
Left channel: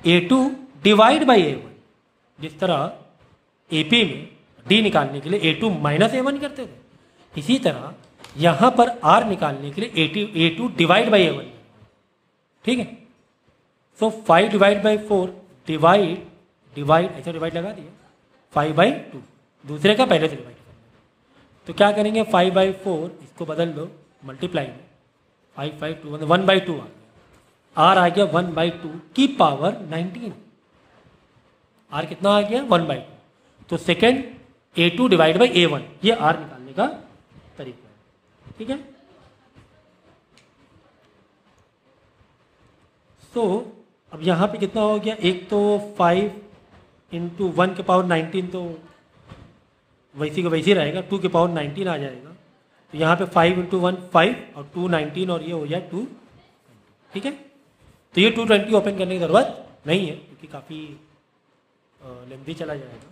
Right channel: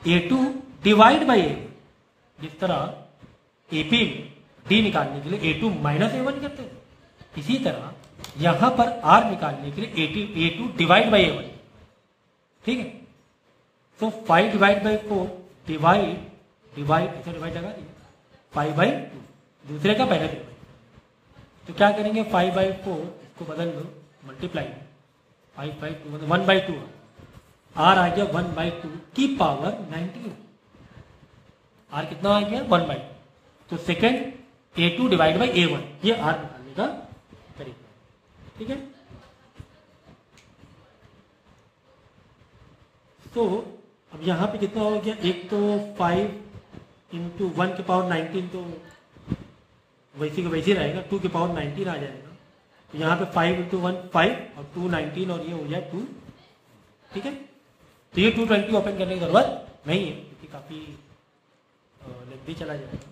A2 divide by A1। जिस तरह AP में D निकालने के लिए A2 माइनस A1 करते थे, इसी तरह यहां पर R निकालने के लिए A2 डिवाइड बाई A1, ठीक है। तो 5 डिवाइड बाई 4 डिवाइड ऐसा डिवाइड लगा दिया 5/2, दूसरे का पहले से डिवाइड। तो क्या करेंगे? 5/4 इसको बदल दो मल्टीप्लाई में, 5/2 मतलब 1/2 आर आ गया 1/2 की पावर 19। आर कितना आ गया? 1/2। तो second A2 divide by A1, ये आर निकालने का तरीका है, ठीक है। तो अब यहाँ पे कितना हो गया? एक तो 5 इंटू 1 के पावर 19, तो वैसी का वैसे रहेगा, 2 के पावर 19 आ जाएगा। तो यहाँ पे 5 इंटू 1 5 और 2 19 और ये हो जाए 2, ठीक है। तो ये 220 ओपन करने की जरूरत नहीं है क्योंकि काफ़ी लेंथी चला जाएगा।